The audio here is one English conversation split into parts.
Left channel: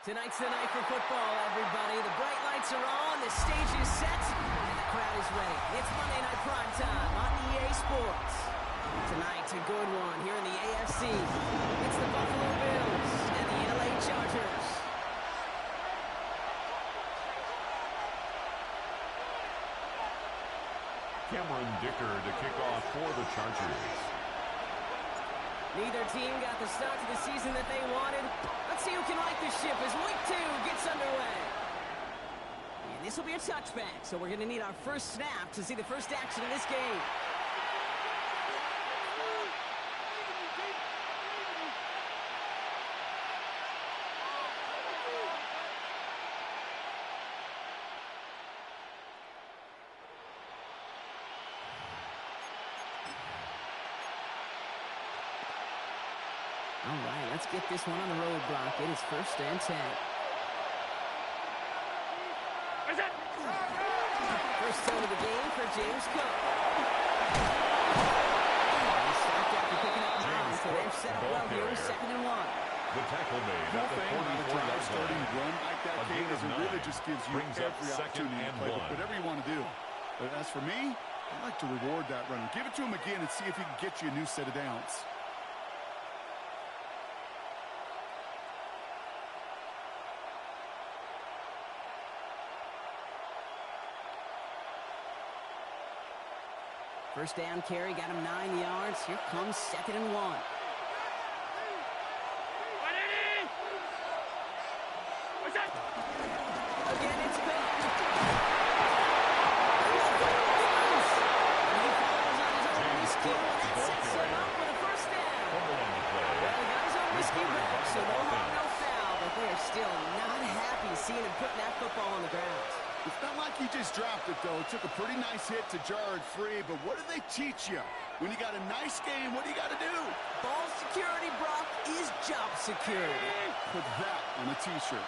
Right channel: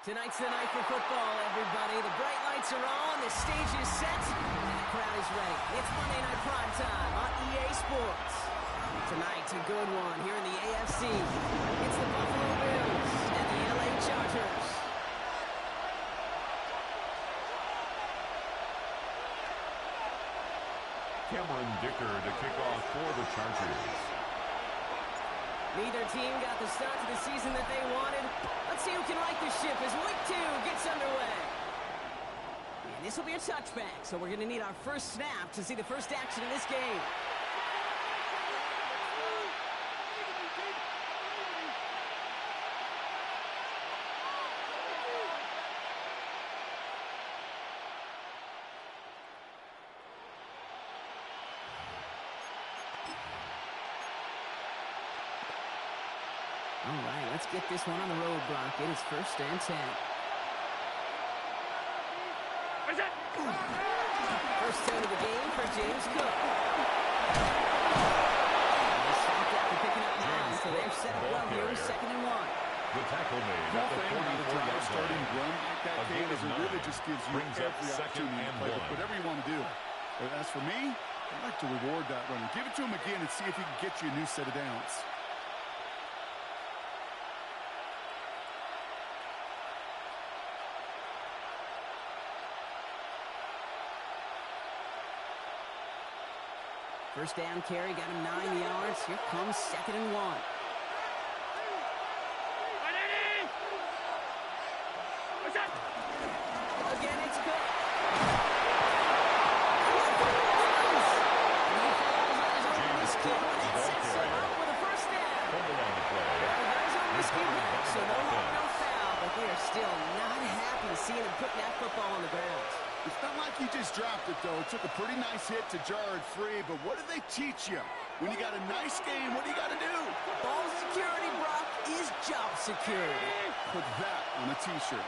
Tonight's the night for football, everybody. The bright lights are on, the stage is set, and the crowd is ready. It's Monday Night Primetime on EA Sports. Tonight's a good one here in the AFC. It's the Buffalo Bills and the LA Chargers. Cameron Dicker to kick off for the Chargers. Neither team got the start to the season that they wanted. Let's see who can right the ship as week 2 gets underway. And this will be a touchback, so we're going to need our first snap to see the first action in this game. All right, let's get this one on the road, Brock. It is 1st and 10. First down of the game for James Cook. He stopped after picking up 9, so they're set up well here with 2nd and 1. The tackle made at the 44-yard starting run like that, Kate, is it really just gives you every opportunity to play with whatever you want to do. But as for me, I'd like to reward that runner. Give it to him again and see if he can get you a new set of downs. First down carry, got him 9 yards. Here comes 2nd and 1. Again, it's Cook. And he falls on his own miscue, and that sets him up with a first down. Fumble on the play. Well, he got his own miscue back, so no harm, no foul. But they are still not happy seeing him putting that football on the ground. It's not like he just dropped it, though. It took a pretty nice hit to jar it free, but what do they teach you? When you got a nice game, what do you got to do? Ball security, Brock, is job security. Put that on a T-shirt.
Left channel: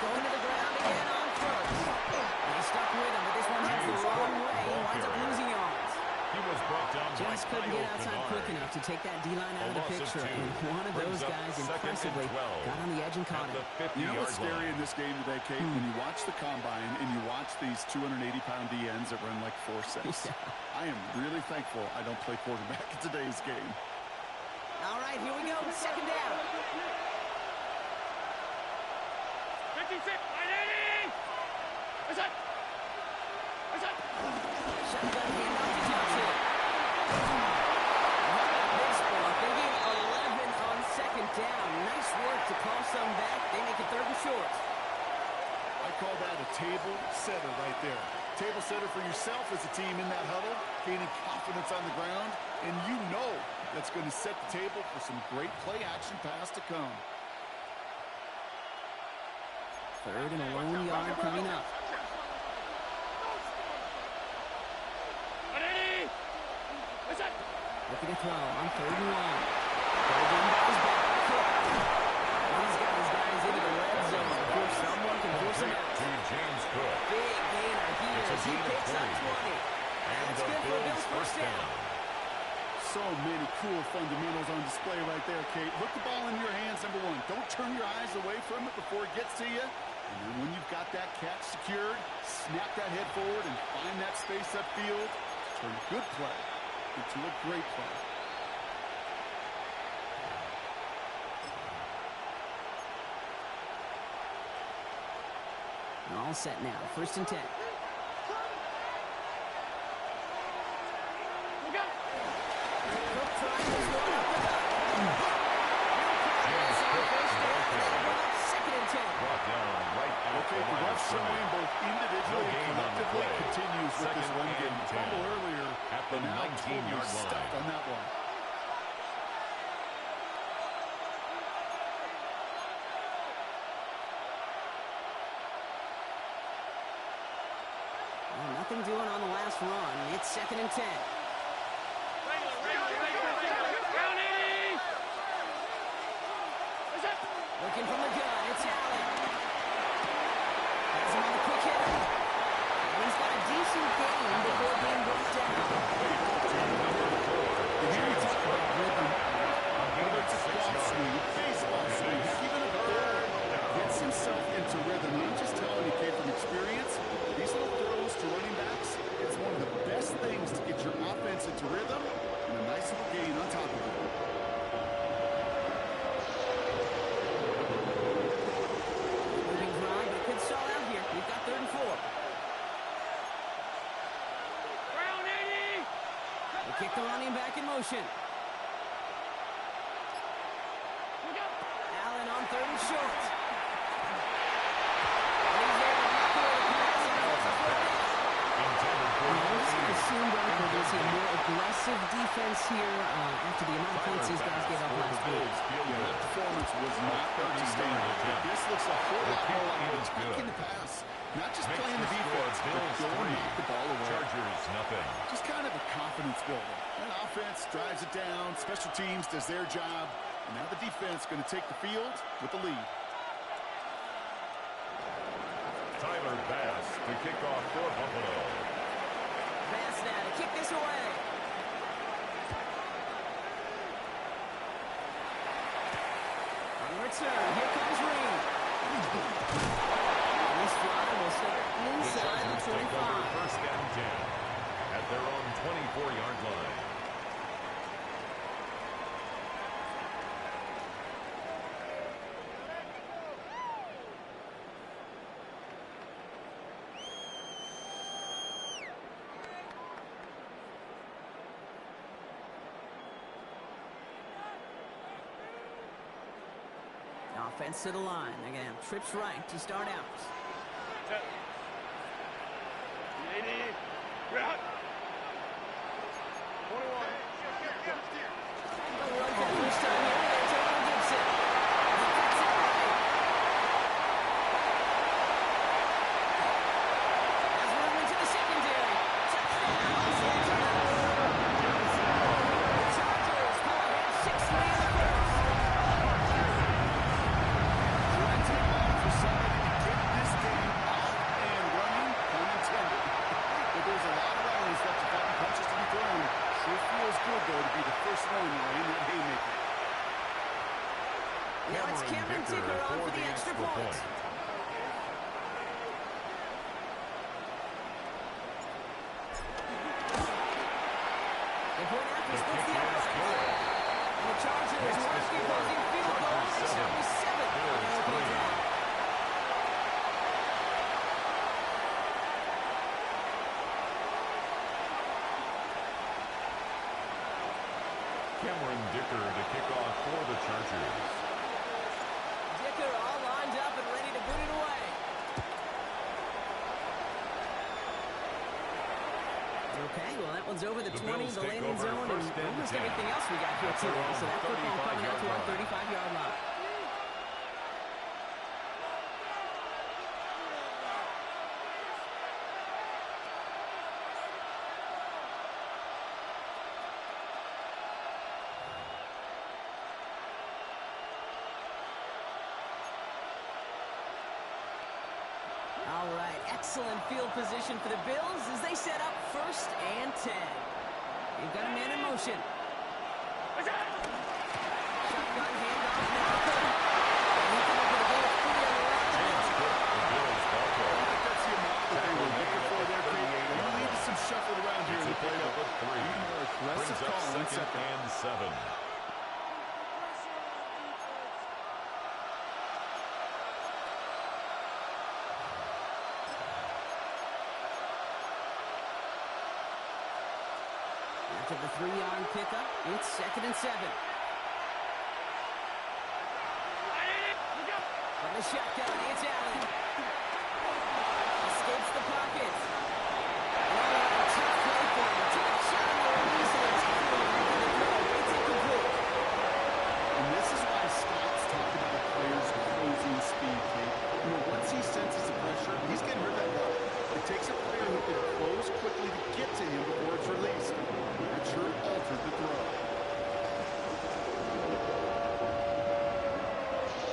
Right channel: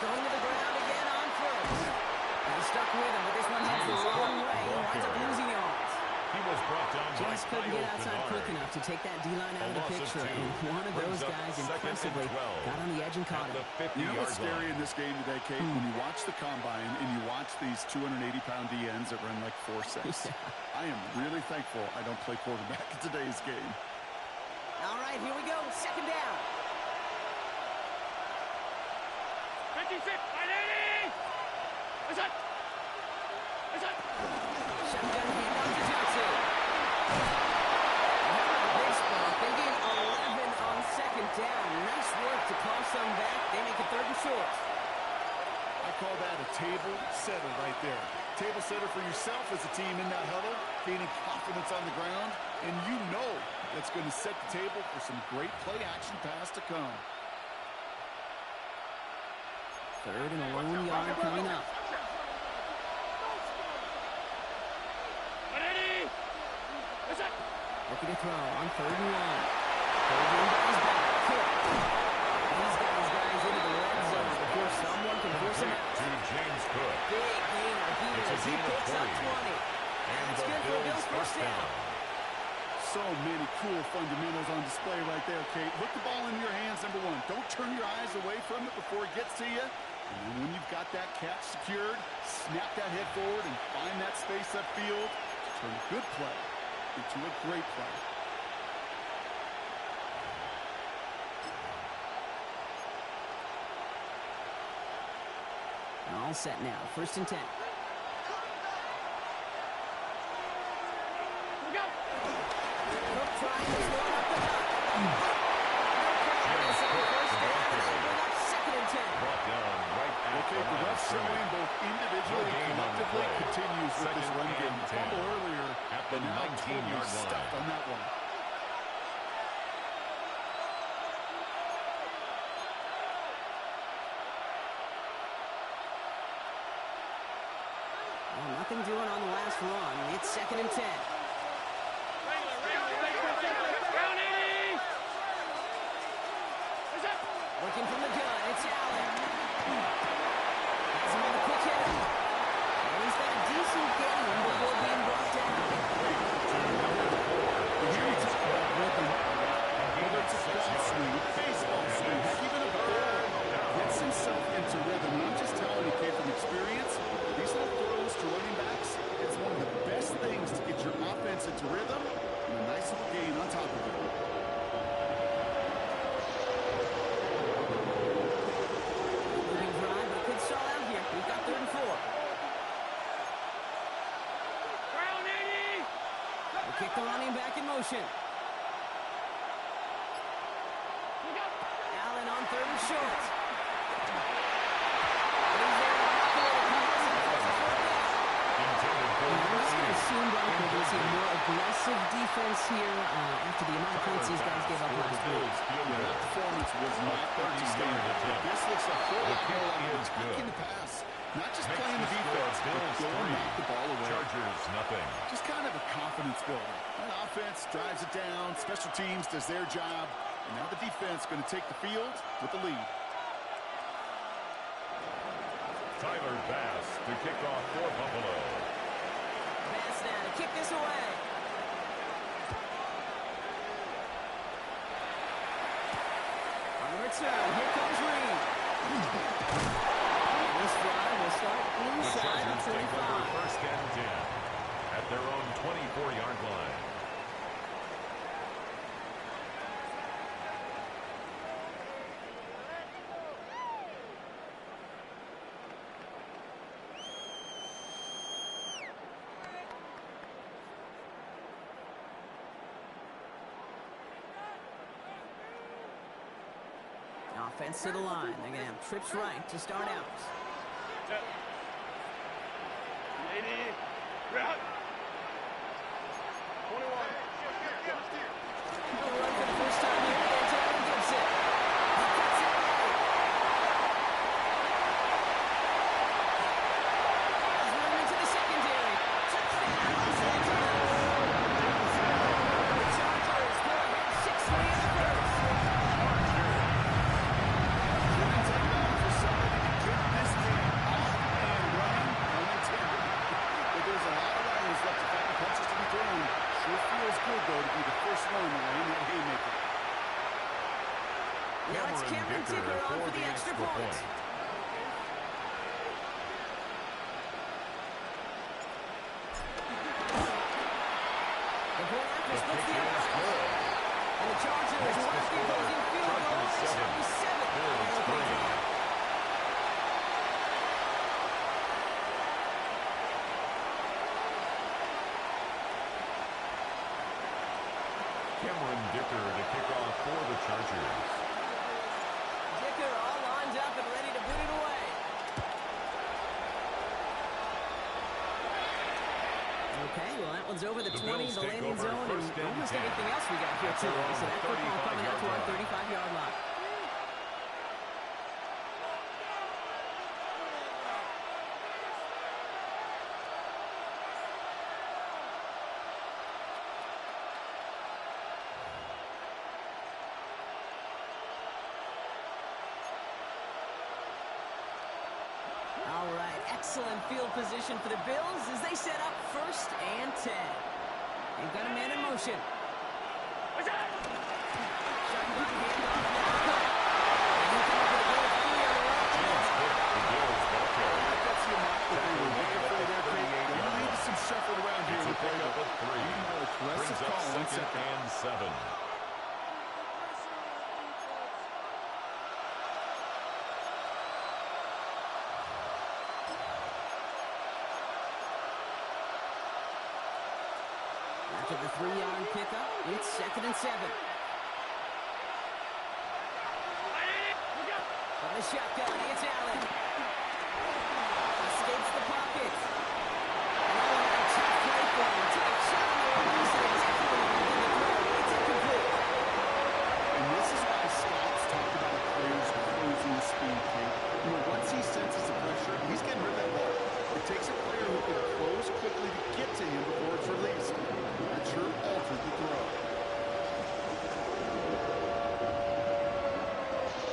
Going to the ground again on 1st. And he stuck with him, but this one heads the wrong way. He winds up losing yards. He was brought down Just couldn't get outside quick enough to take that D-line out of the picture. And one of those guys impressively got on the edge and caught him. You know what's scary in this game today, Kate? When you watch the combine and you watch these 280-pound DNs that run like 4.6. Yeah. I am really thankful I don't play quarterback in today's game. All right, here we go. 2nd down. 56, 980! What's up? Shotgun handoff to Johnson. And how about this, Brock? They gain 11 on 2nd down. Nice work to call some back. They make it 3rd and short. I call that a table setter right there. Table setter for yourself as a team in that huddle, gaining confidence on the ground, and you know that's going to set the table for some great play-action pass to come. 3rd and a lone yard coming up. Looking to throw on 3rd and 1. Third in by his back. Cook. He's got his guys into the red zone before someone can force him out. To James Cook. Big gainer here as he picks up 20. That's good for a Bills first down. So many cool fundamentals on display right there, Kate. Look the ball in your hands, number 1. Don't turn your eyes away from it before it gets to you. And then when you've got that catch secured, snap that head forward and find that space upfield to turn a good play into a great play. All set now. 1st and 10. Cook trying to throw it up the gut. No progress on 1st down, and they'll bring up 2nd and 10. Brought down right at Okay, the rough showing both individually and collectively continues with this run game. Fumble earlier at the 19-yard line. Stuffed on that one. Well, nothing doing on the last run. It's 2nd and 10. Looking from the gun, it's Allen. Has him on the quick hitter. And he's got a decent gain before being brought down. Here you talk about rhythm. Whether it's a golf swing, a baseball swing, heck, even a kick the running back in motion. Allen on 3rd and short. And he's there to knock away the pass and force a fourth down. This guy assumed Bronco to see a more aggressive defense here after the amount of points these guys gave up last week. Yeah, that performance was not up to standard. This looks a whole lot more like attacking the pass. Not just playing the defense, but going knock the ball away. Chargers, nothing. Just kind of a confidence builder. That offense drives it down. Special teams does their job. And now the defense going to take the field with the lead. Tyler Bass to kick off for Buffalo. Bass now to kick this away. On the return, here comes Reed. And this drive will start inside the 25. Take over 1st and 10 at their own 24-yard line. Offense to the line. They're going to have trips right to start out. 80. Route. 21. They'll run for the first time here with Antonio Gibson. He cuts it right. Has room into the secondary. Touchdown, Los Angeles. The Chargers pull ahead 6-3 in the first. Somebody to get this game off and running, unintended. But there's a lot of irons left to fight and punches to be thrown. Sure feels good, though, to be the first one to lay in that haymaker. Now it's Cameron Dicker on for the extra point. The point after splits the uprights. And the Chargers want the opposing field goal. They shall be 7 on their opening drive. Cameron Dicker to kick off for the Chargers. Dicker all lined up and ready to boot it away. Okay, well, that one's over the 20, the landing zone, and almost everything else we got here today. So that football coming out to our 35-yard line. All right, excellent field position for the Bills as they set up 1st and 10. They've got a man in motion. Shotgun handoff now. And he come up with a gain of 3 on the run. James Cook, the Bills ball carrier. That's the amount that they were looking for there, Pete. They lead to some shuffling around here in the playbook. Up a 3. More aggressive Brings up call on 2nd and 7. After the 3-yard pickup, it's 2nd and 7. From the shotgun, it's Allen. Escapes the pocket. And all around, tough play for him. Took a shot on the release and it definitely landed the throw. It's incomplete. And this is why scouts talk about a player's closing speed, Kate. You know, once he senses the pressure, he's getting rid of that ball. It takes a player who can close quickly to get to him before it's released. That sure altered the throw.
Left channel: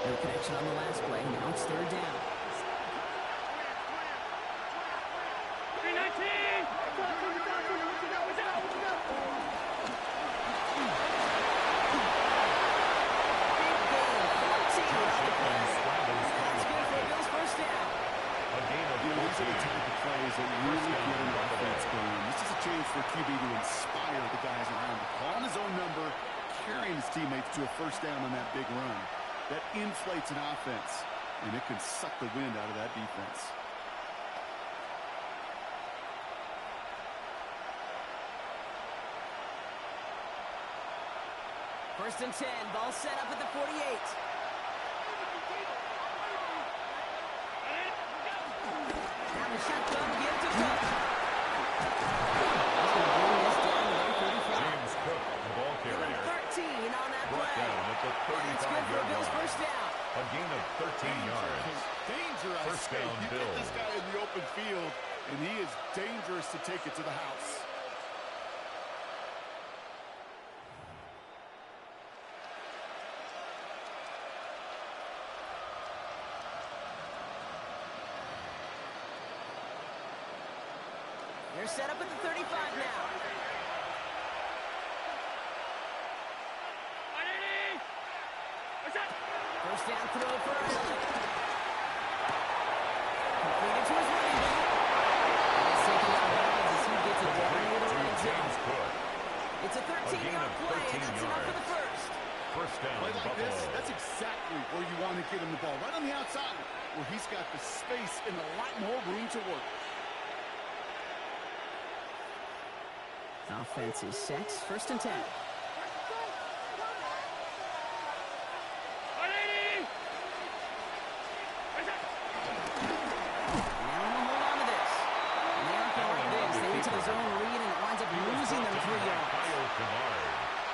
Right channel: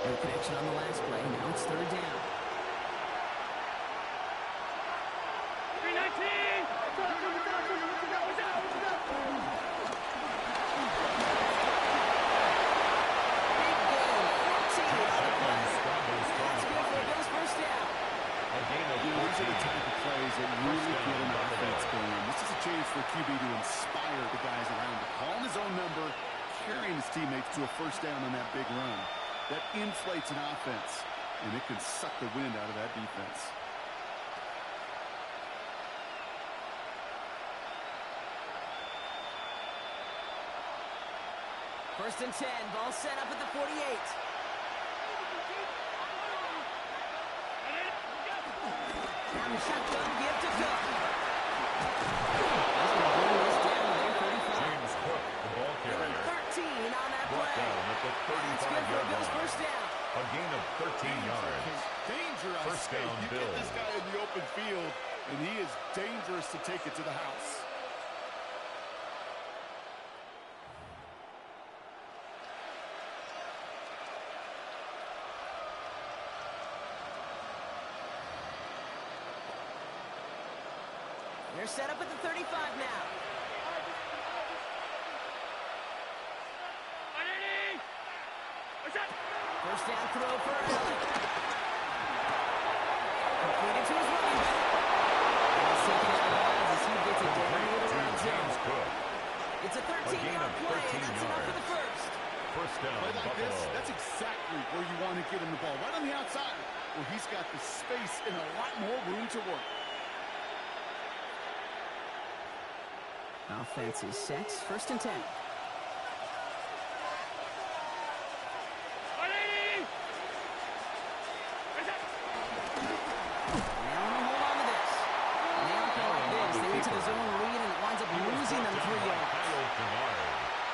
No connection on the last play. Now it's 3rd down. 319! Big gain, 14 on the play. That's good for a Bills 1st down. A gain of 14. These are the type of plays that really get an offense going. This is a chance for QB to inspire the guys around him. Calling his own number, carrying his teammates to a 1st down on that big run. That inflates an offense, and it can suck the wind out of that defense. First and 10. Ball set up at the 48. Now the shotgun give to Cook. He's going to bring this down to their 35. James Cook, the ball carrier. 13 on that Brought play. down at the That's good for a 35-yard Bills line. first down. A gain of 13 yards. Danger, I First say. down, You Bills. get this guy in the open field, and he is dangerous to take it to the house. They're set up at the 35 now. First down throw for Allen. Completed to his running back. And he's taken out of bounds as he gets it down near the red James zone. Cook. It's a 13-yard play, and that's enough for the first. First down, Play like Buffalo. this, that's exactly where you want to get him the ball. Right on the outside, where he's got the space and a lot more room to work. Offense is set. First and 10.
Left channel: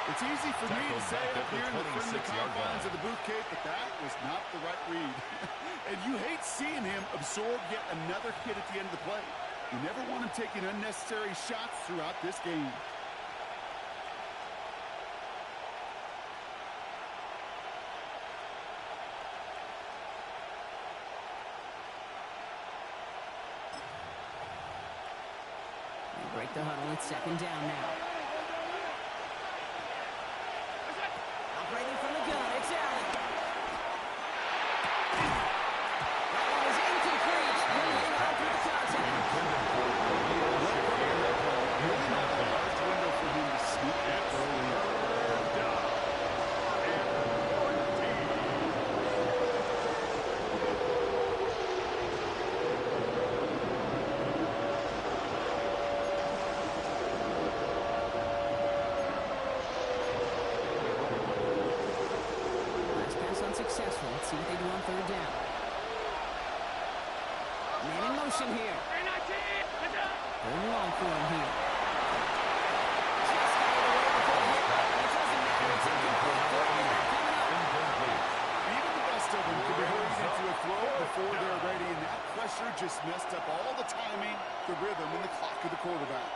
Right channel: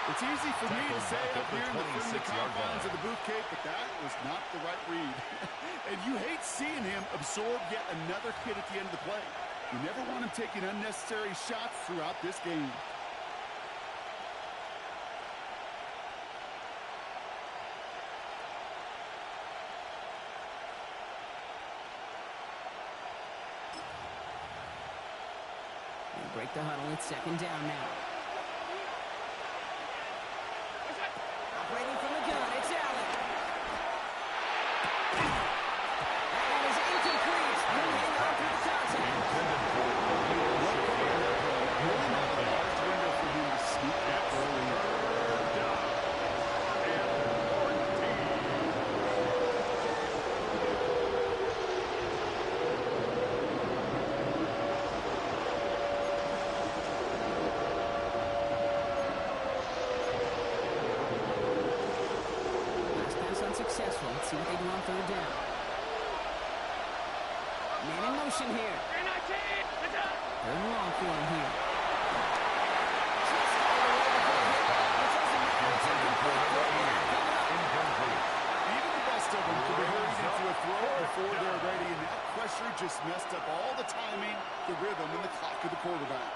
It's easy for me to say up here in the friendly confines of the booth, Kate, but that was not the right read. And you hate seeing him absorb yet another hit at the end of the play. You never want him taking unnecessary shots throughout this game. They break the huddle. It's second down now. Operating from the gun, it's Allen. That one is incomplete. He'll hang on through the contact. Really not a large window for him to sneak that early. Unsuccessful. Let's see what they do on third down. Man in motion here. Third and long for him here. Just got it away before the hit. It doesn't matter. It's incomplete. Incomplete. Even the best of them can be hurried into a throw before they're ready, and that pressure just messed up all the timing, the rhythm, and the clock of the quarterback.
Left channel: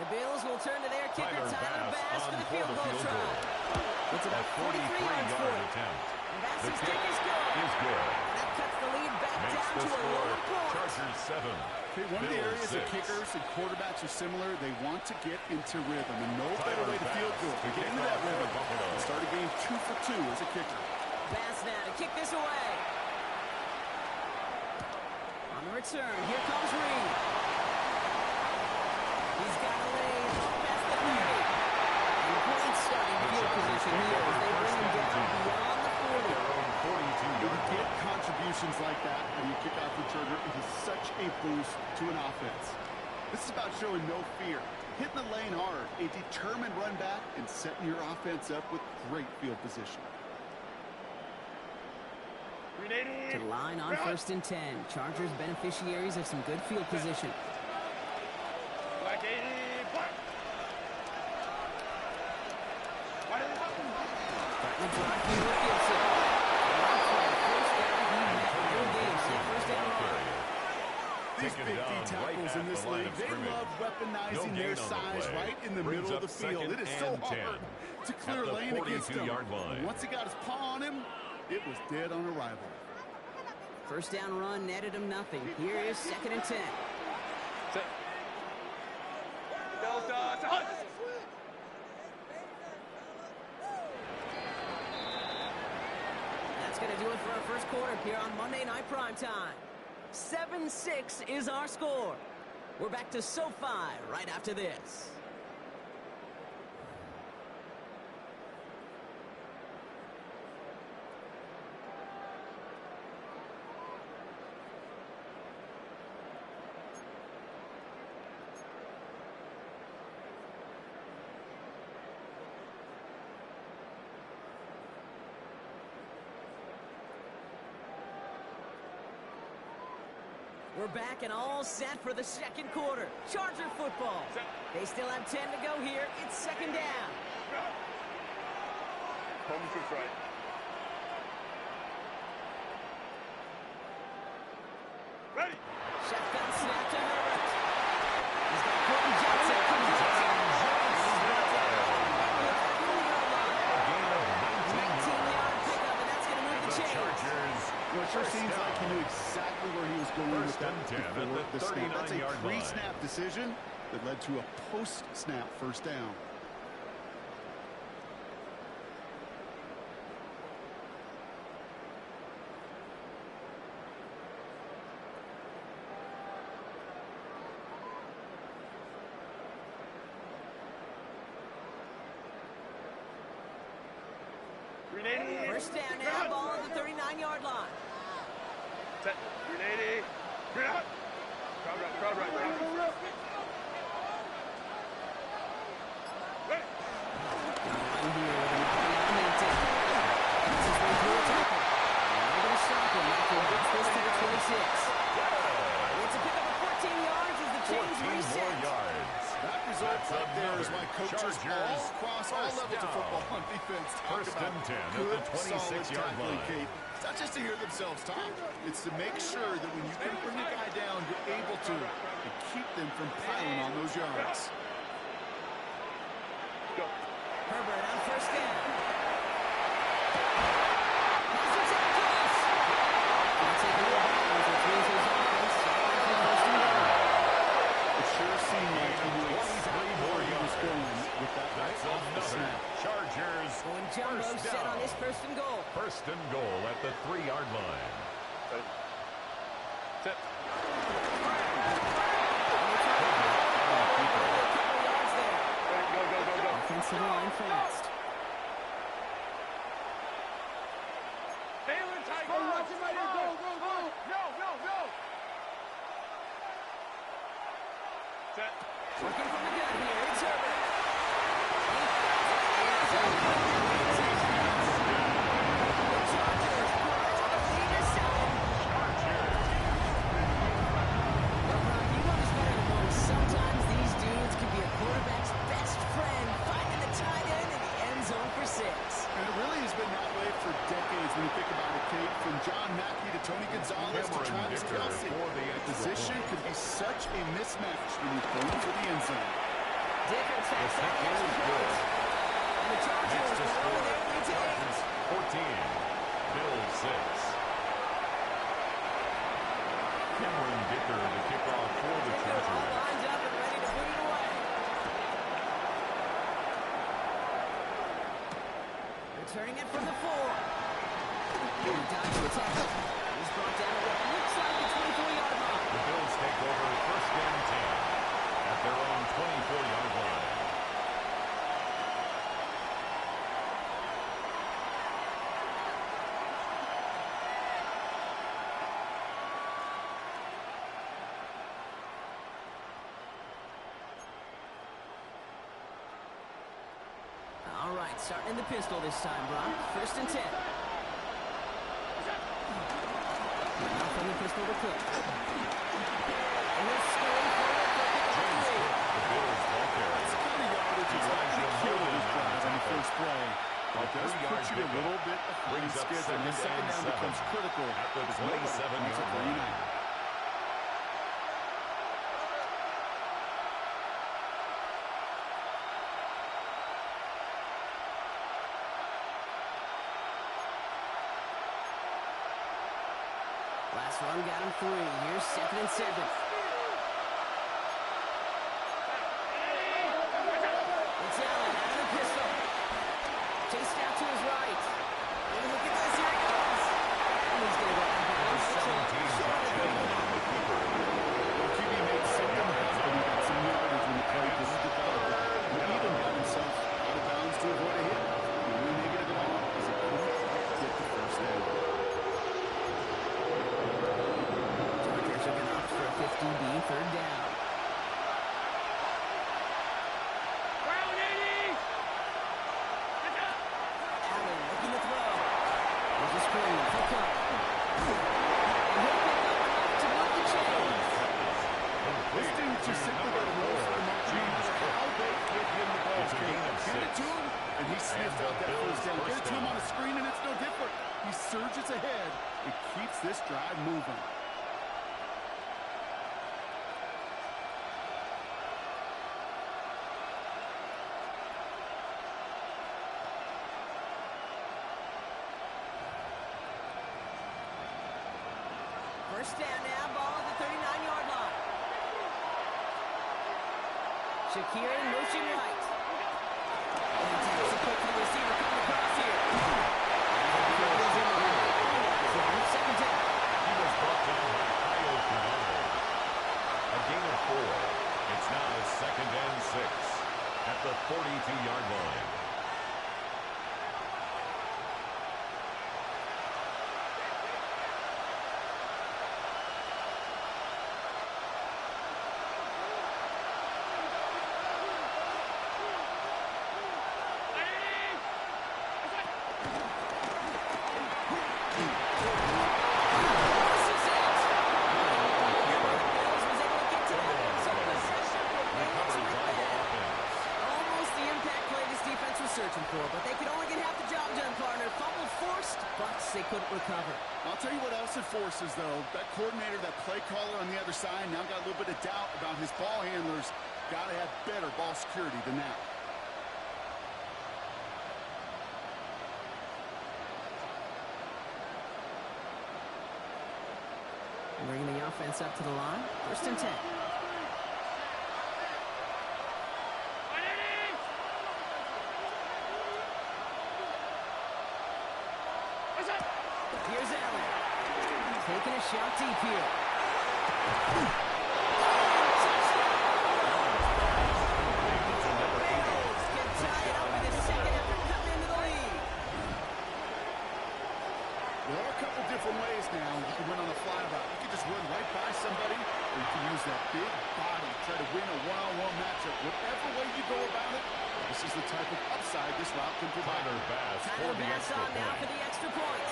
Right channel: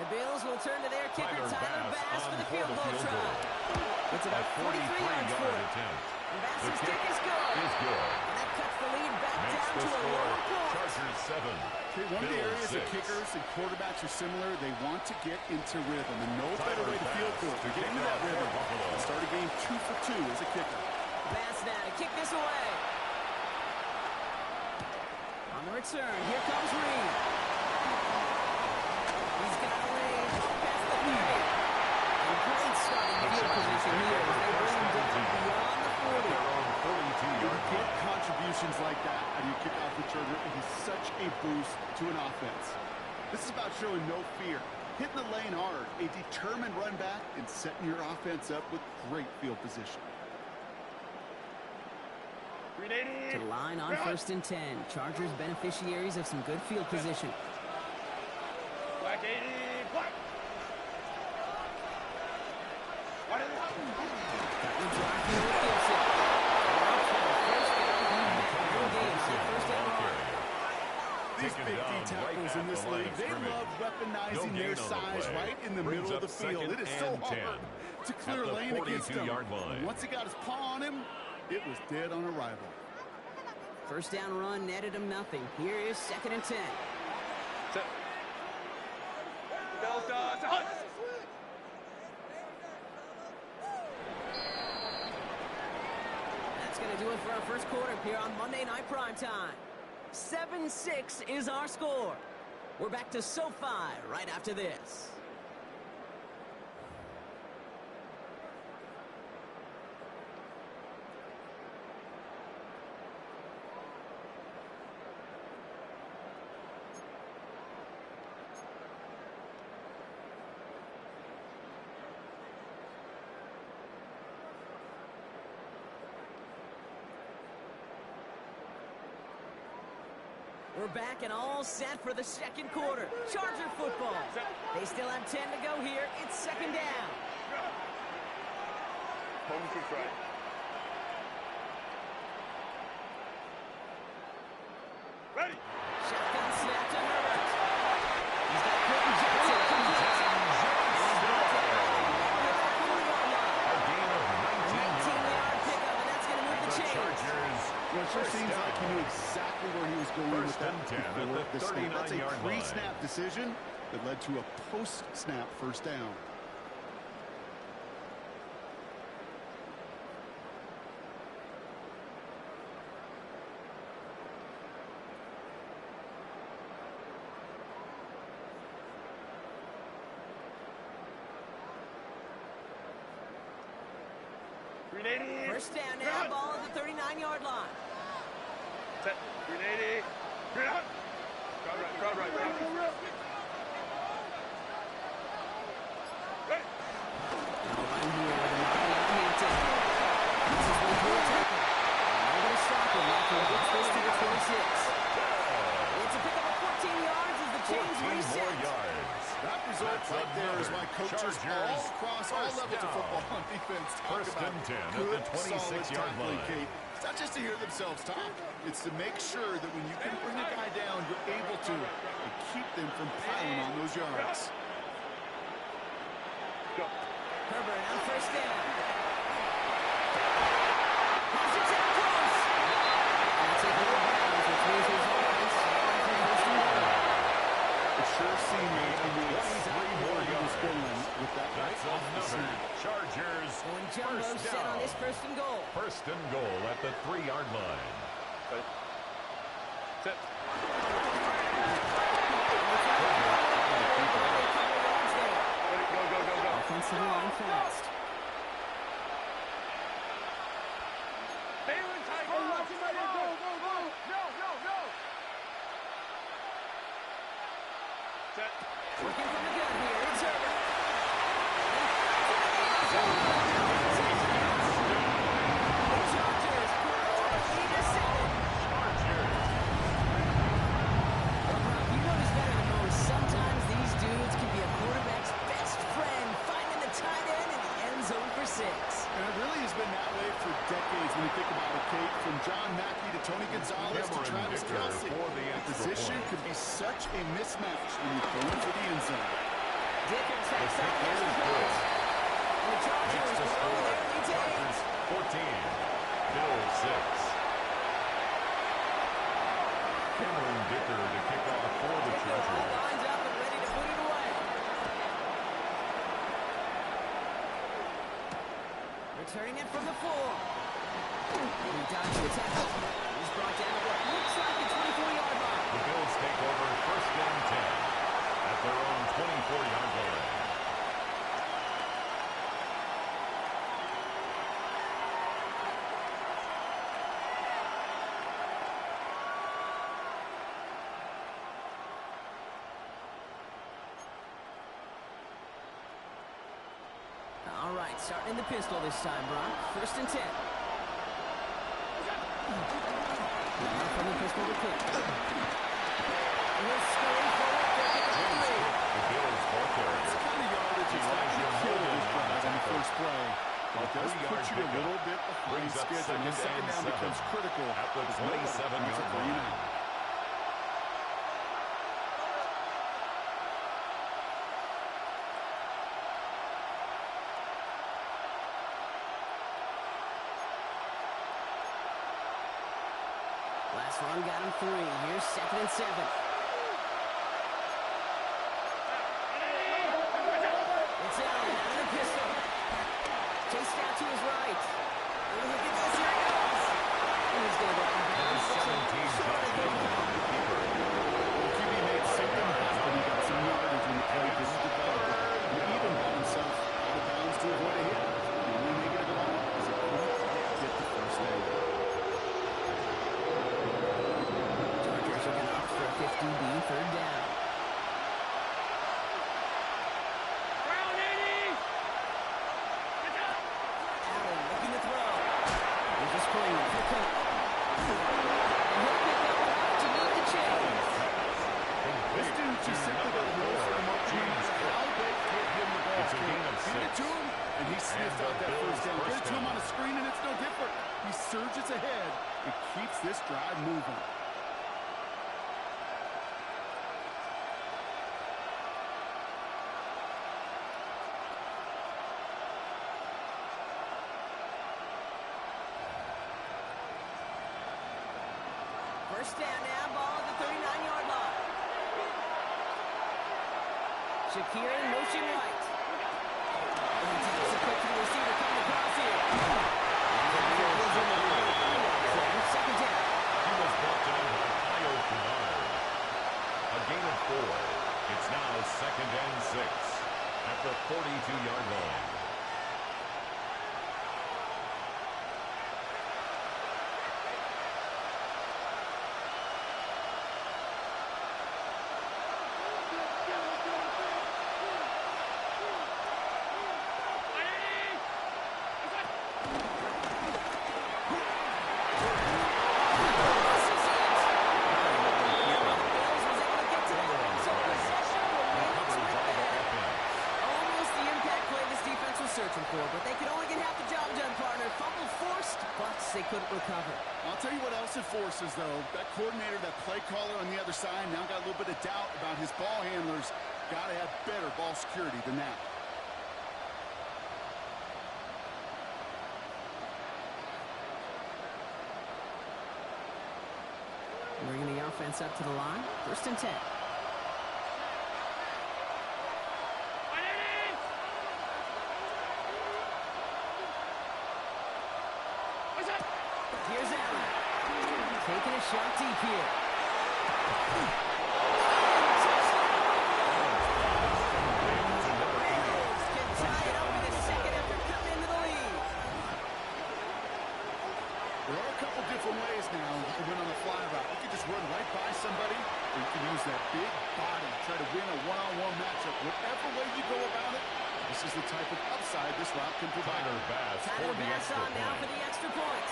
The Bills will turn to their kicker, Tyler Bass, for the field goal try. It's about 43 yards for it. And Bass's kick is good. And that cuts the lead back down to a lower point. Chargers 7. Okay, one of the areas that kickers and quarterbacks are similar, they want to get into rhythm, and no better way to feel good to get into that rhythm. Start a game 2 for 2 as a kicker. Bass now to kick this away. On the return, here comes Reed. He's got a lane up past the 30. And great starting field position here as they bring him down beyond the 40. When you get contributions like that out of your kickoff returner, it is such a boost to an offense. This is about showing no fear, hitting the lane hard, a determined run back, and setting your offense up with great field position. To the line on first and 10. Chargers beneficiaries of some good field position. Black 80, black. Starting to drive here with Gibson. First down, he met no game. First down run. These big D tackles in this league, they love weaponizing their size right in the middle of the field. It is so hard to clear lane against him. Once he got his paw on him, it was dead on arrival. First down run netted him nothing. Here is second and 10. Set. Delta, set. That's going to do it for our first quarter here on Monday Night Primetime. 7-6 is our score. We're back to SoFi right after this. We're back and all set for the second quarter. Charger football. They still have 10 to go here. It's second down. Home switch right. Ready. Shotgun snap to Herbert. He's got Quentin Johnson. He's brought down in the neighborhood of the 40-yard line. A gain of 19 19-yard pickup, and that's going to move And the the chains. Chargers, Well, it sure first seems down. like he knew exactly where he was going with First that and 10 at before the the snap. That's a 39-yard line. pre-snap decision that led to a post-snap first down. First down now, ball at the 39-yard line. Set. 380. Green out. Crowd right. Crowd right. Crowd right. Ready. Now run here with Amari on Hampton. This is way through a tackle. And they're going to stop him after he gets this to the 26. It's a pickup of 14 yards as the chains 14 reset. more yards. That result That's right there is why another coaches Chargers all across all first levels of down. football on defense talk First about and 10 at good, the 26-yard solid tackling, line. Kate. It's not just to hear themselves talk. It's to make sure that when you can bring a guy down, you're able to and keep them from piling on those yards. Go. Herbert on first down. Has the tackles. Gonna take a little bounds, which means his offense on for first and goal. It sure seemed like he knew 23 exactly more where he was yards. going with that right That's off the another snap. Chargers Going jumbo first set on down. this first and goal. First and goal at the 3-yard line. Ready. Set. Ready. Go. Go. Go. Go. Offensive line fast. Balin Tiger. Go. Go. Go. No. No. No. Set. Working from the gun here. It's Herbert. He flies it in the end zone. The Chargers grow the lead to 7. Chargers. Well, Brock, you know this better than most. Sometimes these dudes can be a quarterback's best friend, finding the tight end in the end zone for 6. And it really has been that way for decades when you think about it, Kate. From John Mackey to Tony Gonzalez to Cameron Travis Dicker Kelce. for the The extra position point. could be such a mismatch when you're going for the end zone. Dicker tacks The on the kick extra is point. good. And the Chargers Next to grow score, their lead to 8. Chargers 14, Bills 6. Cameron Dicker to kick off for the Dicker all Chargers. lined up and ready to put it away. Returning it from the 4. And he dodged the tackle. He's brought down at what looks like the 24-yard line. The Bills take over first and 10 at their own 24-yard line. All right, starting in the pistol this time, Brock. First and 10. Now from the pistol to Cook. And he'll scurry forward for a pick up James 3. Cook, the Bills ball carrier. It's kind of yardage. It's not going to kill this drive on the first play. It does put you a little bit behind Brings up schedule. And the second down 7 becomes critical. at the as nobody wants 27-yard it for you line. now. Last run got him 3. Here's second and 7. It's Allen out of the pistol. Chased out to his right. Oh, look at this. Here he goes. And he's going to go out of bounds. 17 Short of the goal. on the keeper. The QB made something happen. He got some yardage when the play didn't develop. He even got himself out of bounds to avoid a hit. The only negative at all is he couldn't quite get the first down. Chargers are going to opt for a 50B third down. Ground 80. Allen looking to throw. There's a screen for Cook. And he'll pick up enough to move the chain. This dude just simply got a nose for the mark, no matter how they get him the ball. It's a gain of 6. Get it to him, and he sniffs out that first down. Get it to him on the screen, and it's no different. He surges ahead and keeps this drive moving. First down now, ball at the 39-yard line. Shakir in motion right. And taps it quick to the receiver coming across here. Second down. He was brought down by Kyle Kennard. A gain of 4. It's now 2nd and 6 at the 42-yard line. Searching for, but they could only get half the job done, partner. Fumble forced, but they couldn't recover. I'll tell you what else it forces, though. That coordinator, that play caller on the other side, now got a little bit of doubt about his ball handlers. Got to have better ball security than that. Bringing the offense up to the line. 1st and 10. Here's Allen. Taking a shot deep here. Bengals can tie it up in a second after cutting into the lead. There are a couple different ways now you can win on the fly route. You can just run right by somebody, or you can use that big body, try to win a one-on-one matchup. Whatever way you go about it, this is the type of upside this route can provide. Tyler Bass on now for the extra point.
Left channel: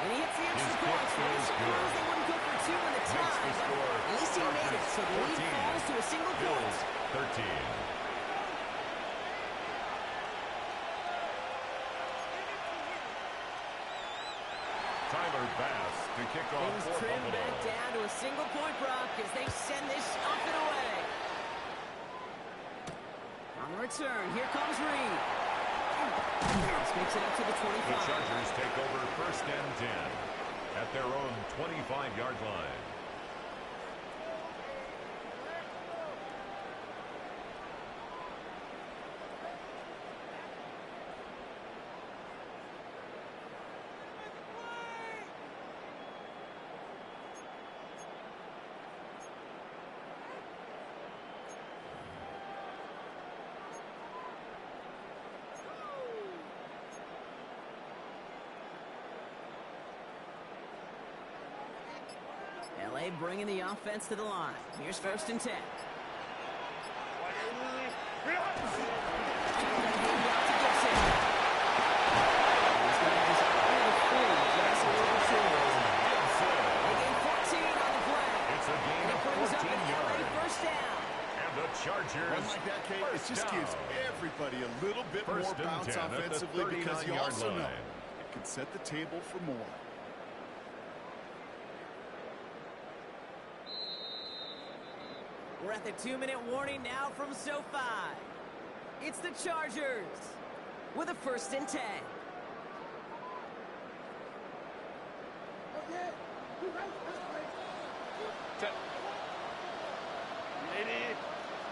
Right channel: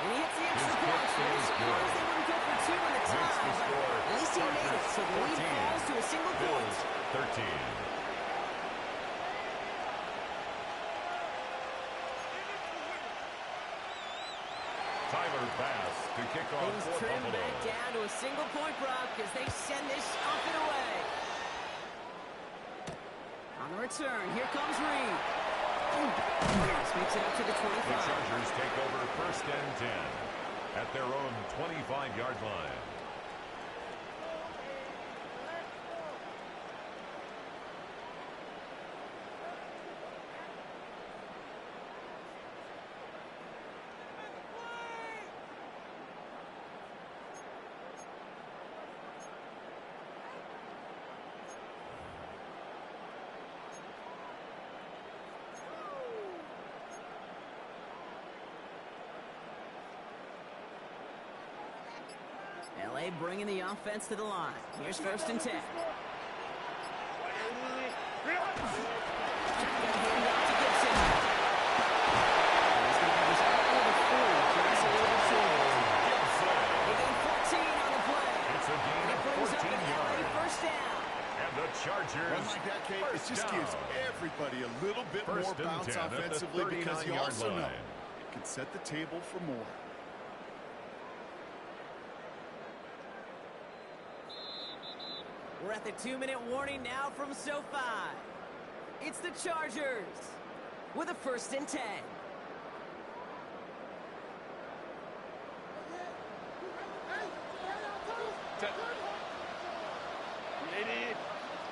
And he hits the extra point. They scores, they wouldn't go for 2 in the tie, but at least he made it, so the lead falls to a single point. 13. Tyler Bass to kick off Things for trim Buffalo. back down to a single point, Brock, as they send this off and away. On the return, here comes Reed. This makes it up to the 25. The Chargers take over 1st and 10 at their own 25-yard line. LA bringing the offense to the line. Here's 1st and 10. Shotgun handoff to Gibson. He's going to have this out near the 40, just a little short. They gain 14 on the play. It's a gain of 14 yards. First down. And the Chargers. Run like that, Kate, it just gives everybody a little bit more bounce offensively, because you also know it can set the table for more. We're at the 2-minute warning now from SoFi. It's the Chargers with a 1st and 10. Set. 80.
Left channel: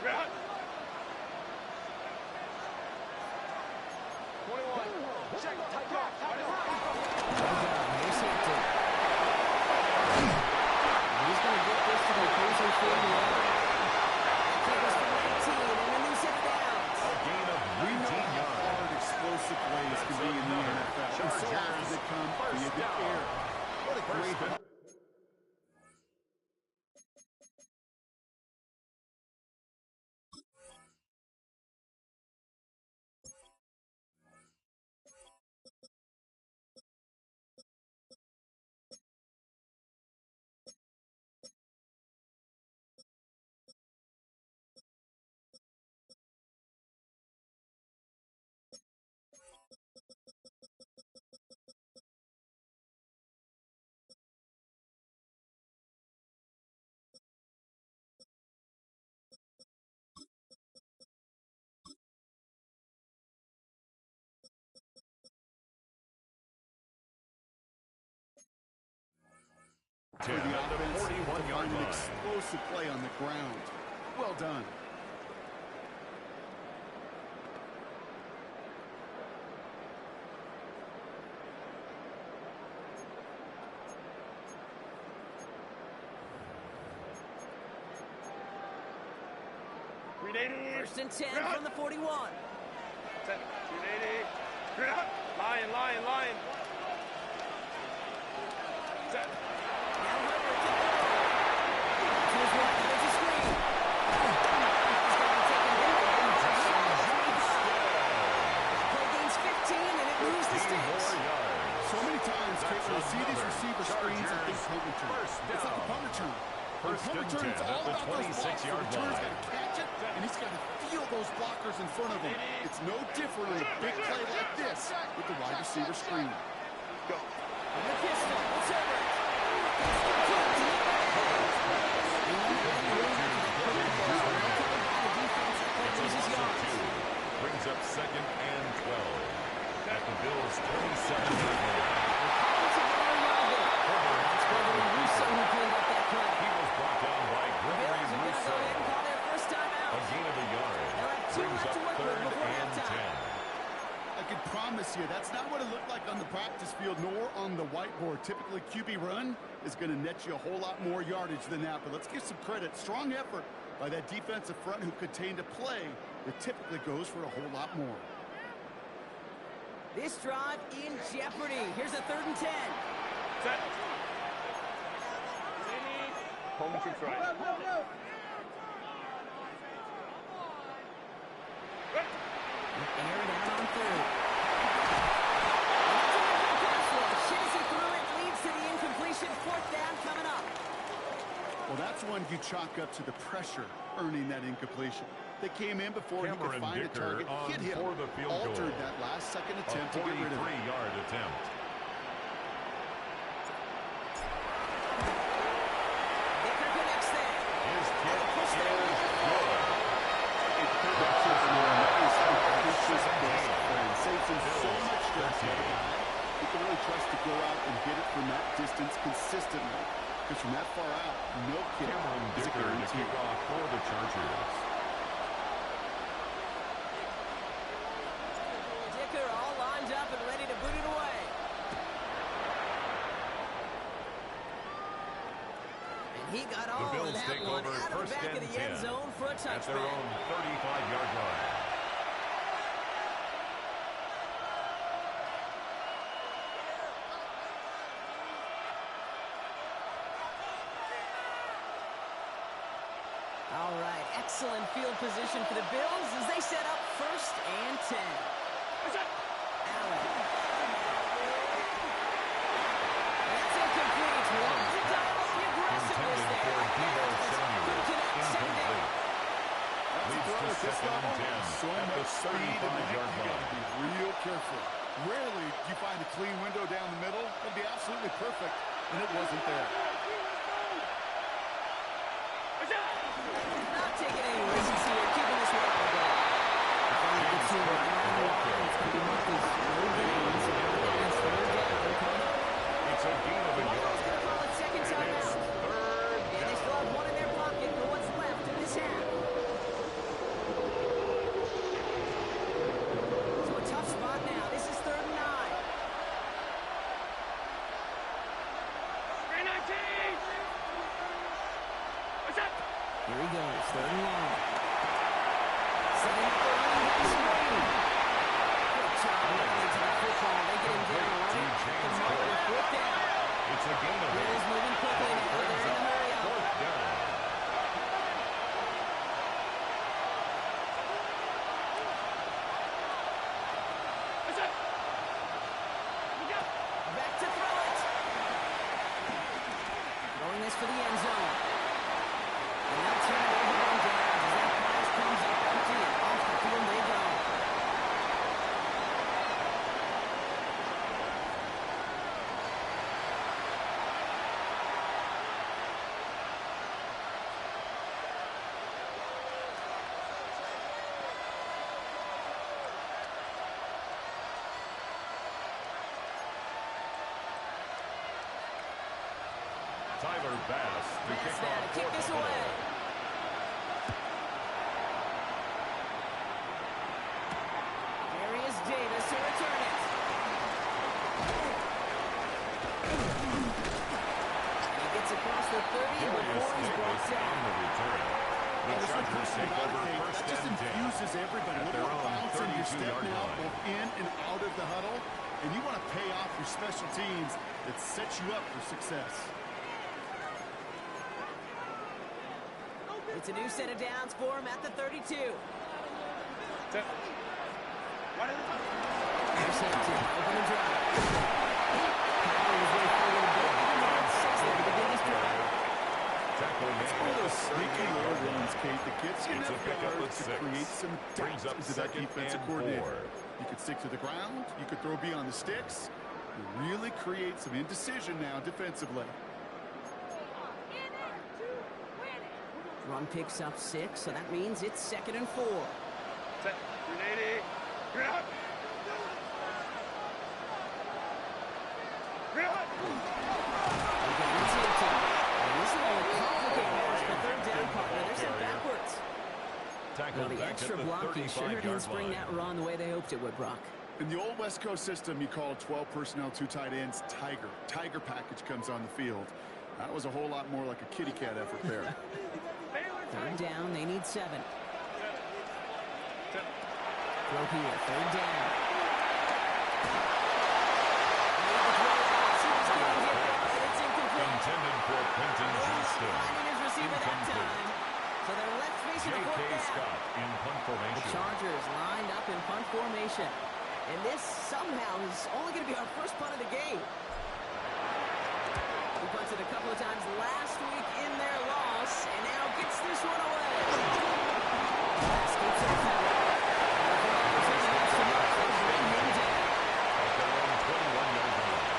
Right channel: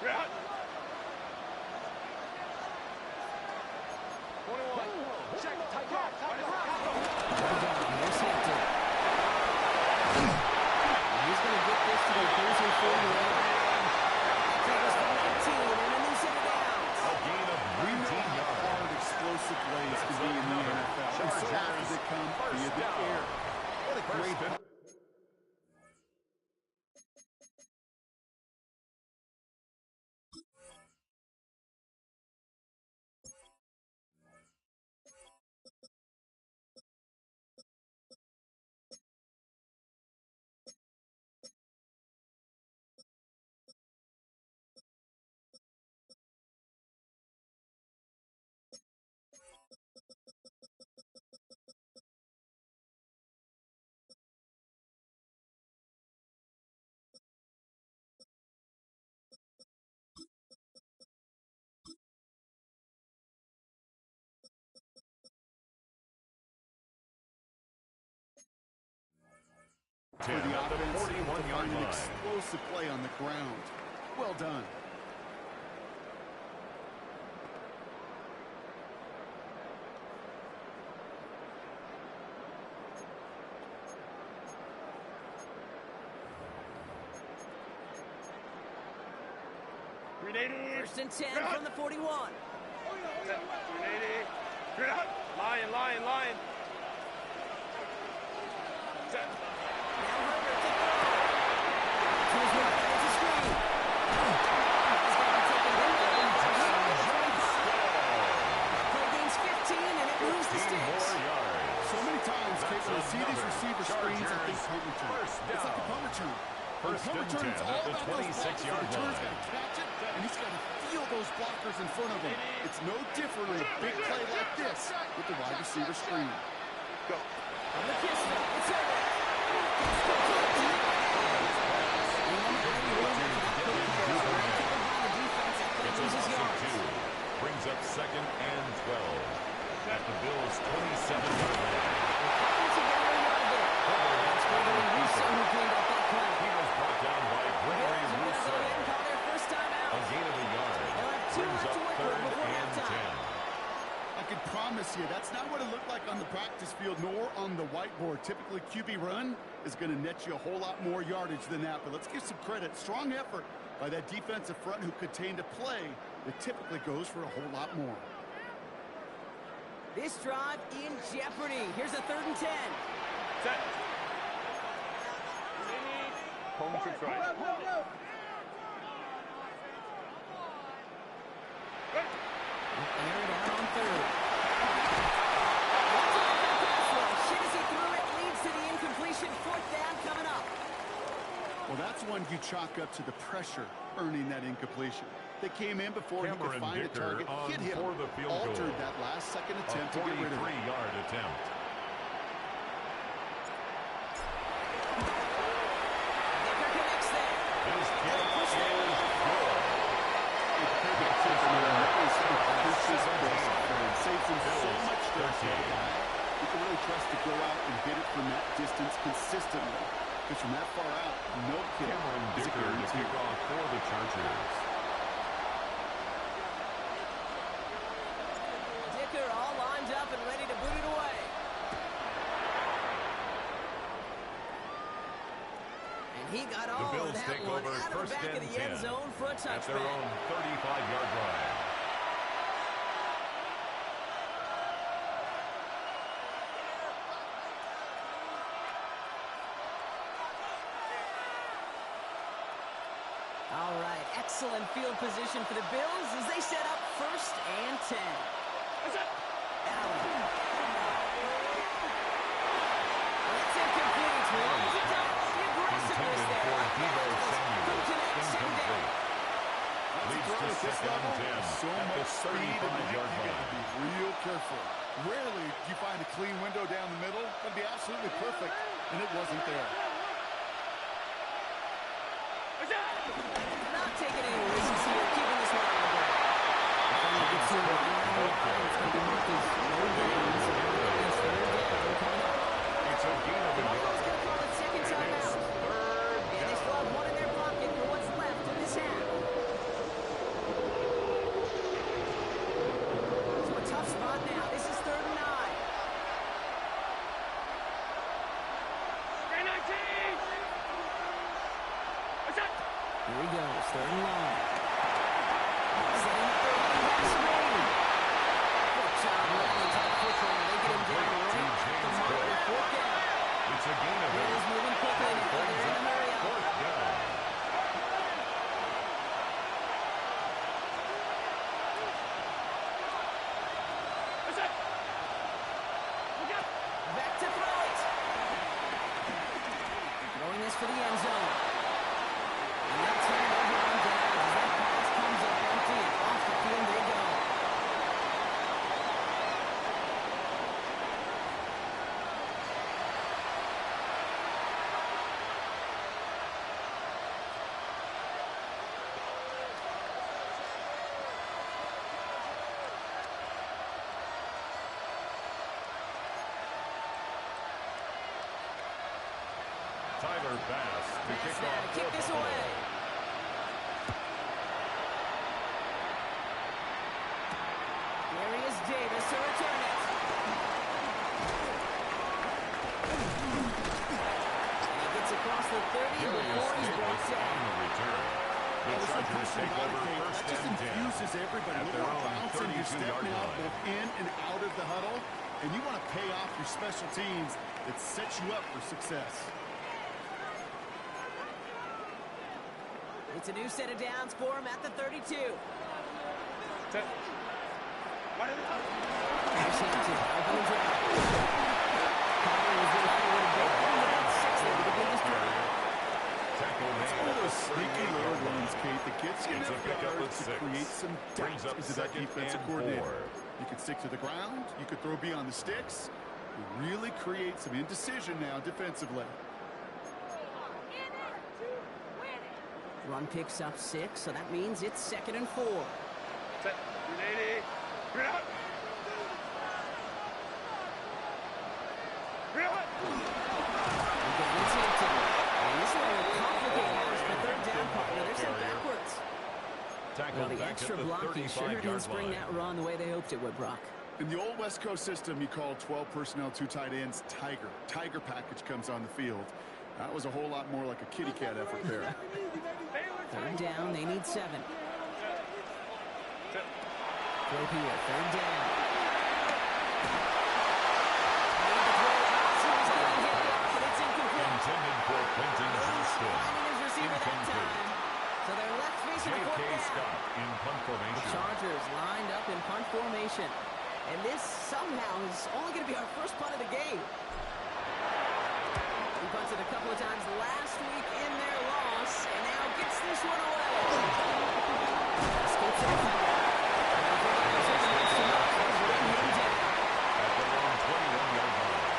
Out. 21. Check. Tight back. Here's Hampton. He's going to get this to the opposing 40. Take us from 19 and a new set of downs. A gain of 19 yards. Hard, explosive plays can be in the NFL. And so often they come via the air. What a great for the at the offense to 41-yard find an line. explosive play on the ground. Well done. First and 10 from the 41. Set. 380. Lion, lion, lion. Set. Now Herbert to throw. To his right, and it's a screen. He's going to take it in. Play gains 15, and it moves the sticks. So many times, Kate, when I see these receiver screens, I think punt return. It's like a punt return. First punt and return, 10 it's all at the about those blocks. The 26-yard return's line. got to catch it, and he's got to feel those blockers in front of him. It's no different on a big play like this with the wide receiver screen. Go. On the pistol, it's Herbert. It's complete to the right. Covered by the defense. That play It's a loses loss of yards. 2. Brings up second and 12 at the Bills' 27-yard line. We're cutting together a yard there. That's Gregory Rousseau who cleaned up that play. He was brought down by Gregory Bills are going to go Rousseau. ahead and call their first time A out. gain of a yard. They'll have 2 Brings left up to work with third before and halftime. 10. I can promise you that's not what it looked like on the practice field nor on the whiteboard. Typically, QB run is going to net you a whole lot more yardage than that. But let's give some credit. Strong effort by that defensive front who contained a play that typically goes for a whole lot more. This drive in jeopardy. Here's a 3rd and 10. Set. Home troops right. Air it out on 3rd. That's a good pass rush. As he threw it, leads to the incompletion. 4th down coming up. Well, that's one you chalk up to the pressure earning that incompletion. They came in before he Cameron could find a Dicker target, on hit him, for the field altered goal. that last-second A attempt to get rid of it. 43-yard attempt. Dicker connects there. His kick Push is there. good. It could have been that was his best friend. Saves him so much stress. The other guy, you can really trust to go out and hit it from that distance consistently. Because from that far out, no kick Cameron is a Dicker to guarantee. kick off for the Chargers. Dicker all lined up and ready to boot it away. And he got all The of Bills that take one over out of the first back of and the end 10 zone for a at their touchback. own 35-yard line. All right, excellent field position for the Bills as they set up 1st and 10. Allen. That's incomplete. Longs it down with the aggressiveness Intended there. for Like Deebo that. Samuel. Couldn't connect. Second down. Incomplete. That's a Leads throw to at this second and level. 10 So at the much speed and length, 35-yard you got line. to be real careful. Rarely do you find a clean window down the middle. That'd be absolutely perfect, and it wasn't there. Not taking any risks here, keeping this one on the ground. If only gets to him right around the line, it's going to be marked as no gain. So now it's 3rd down coming up. It's a gain of a Buffalo's yard. going to call it second And time it's out. 3rd And they still down. have one in their pocket for what's left in this half. So a tough spot now. This is 3rd and 9. Here he goes, 3rd and long. Tyler Bass to Bass kick now off to kick for this Buffalo. away. Darius Davis to return it. And he gets across the 30 before he's brought Davis on down. the return. The There's no Chargers question take about it, over Kate. first That just and 10 infuses everybody. at A their little more own bounce in your step 32-yard now, line. both in and out of the huddle. And you want to pay off your special teams that sets you up for success. It's a new set of downs for him at the 32. Set. What is it? Here's Hampton, open the drive. Power was way forward a bit. They had 6 there to begin this drive. Tackle made One of at those the sneaky 38-yard little line. runs, Kate, that gets you It's a enough pickup of yards to 6. create some Brings doubt up into that second defensive and coordinator. 4. You could stick to the ground. You could throw beyond the sticks. You really create some indecision now defensively. Run picks up 6, so that means it's 2nd and 4. Set. 380. Green out. Green out. Again, it's Hampton. And this will only complicate matters for third down partner. They're sent backwards. Tackled Well, the back extra at the blocking sure 35-yard didn't spring line. that run the way they hoped it would, Brock. In the old West Coast system, you called 12 personnel, 2 tight ends, Tiger. Tiger package comes on the field. That was a whole lot more like a kitty cat effort there. Third down, they need 7. Set. Throw here, third down. Made the throw out, he was getting hit off, and it's incomplete. Intended for Quentin Johnston. Finding his receiver that Incomplete. time. So they're left facing a fourth J.K. down. Scott in punt The formation. Chargers lined up in punt formation. And this somehow is only going to be our first punt of the game. He punted a couple of times last week in their loss, and now gets this one away. Escapes the defender. Bring him down. At their own 21-yard line.